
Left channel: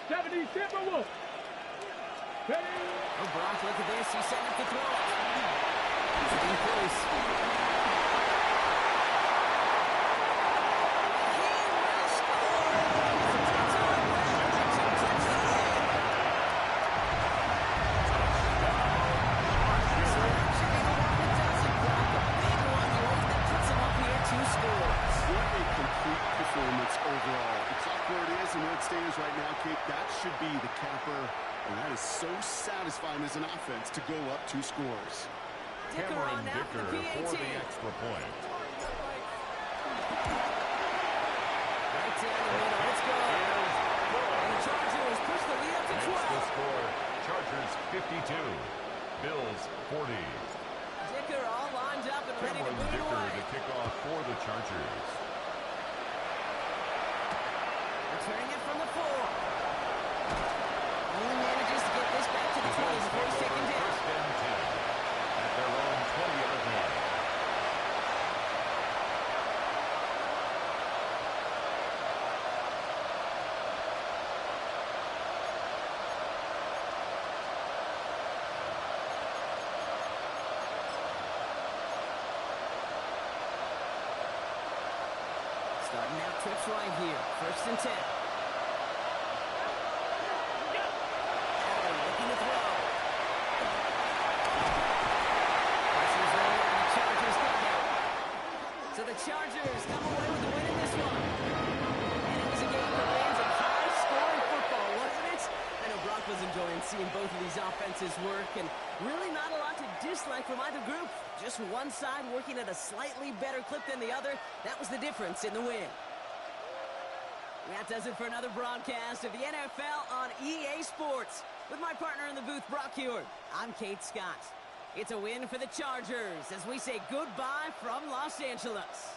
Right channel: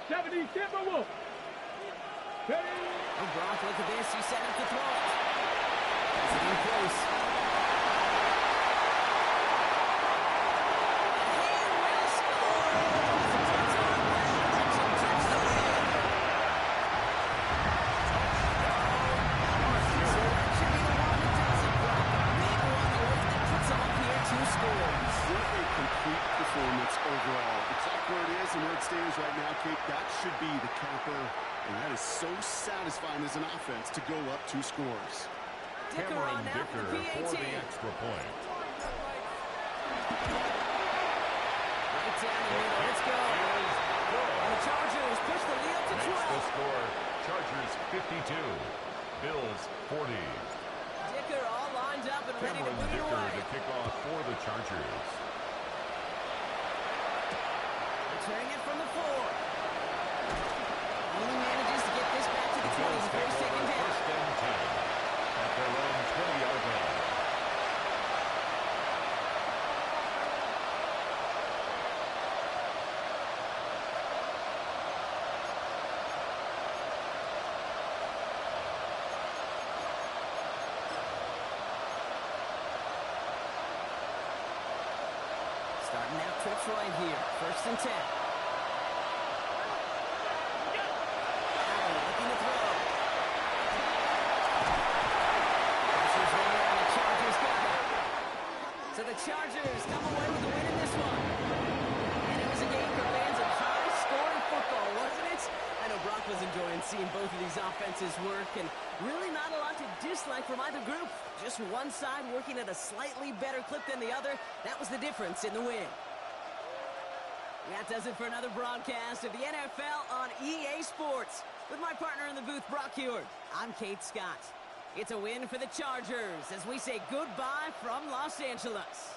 70 Timberwolves. Ready. Oh, Brock, look at this. He's setting up to throw it. It's getting close. He will score. It's a touchdown. Well, that should touch the win. So that should be the one that does it, Brock. A big one late that puts him up here 2 scores. What a complete performance overall. The clock where it is and where it stands right now, Kate, that should be the capper. And that is so satisfying as an offense to go up 2 scores. Dicker Cameron on now Dicker for the for PAT. the extra point. Right down the middle. Let's go. Is good. And the Chargers push the lead up to Makes the 12. score Chargers 52, Bills 40. Dicker all lined up and ready to Cameron boot it Dicker away. to kick off for the Chargers. Returning it from the 4. Only manages to get this back to the 20 Bills before take he's taken over down. 1st and 10 at their own 20-yard line. Starting out trips right here. 1st and 10. Allen looking to throw. Pressure's there, and the Chargers got him. So the Chargers come away with the win in this one. And it was a game for fans of high-scoring football, wasn't it? I know Brock was enjoying seeing both of these offenses work, and really not a lot to dislike from either group. Just one side working at a slightly better clip than the other. That was the difference in the win. That does it for another broadcast of the NFL on EA Sports. With my partner in the booth, Brock Heward, I'm Kate Scott. It's a win for the Chargers as we say goodbye from Los Angeles.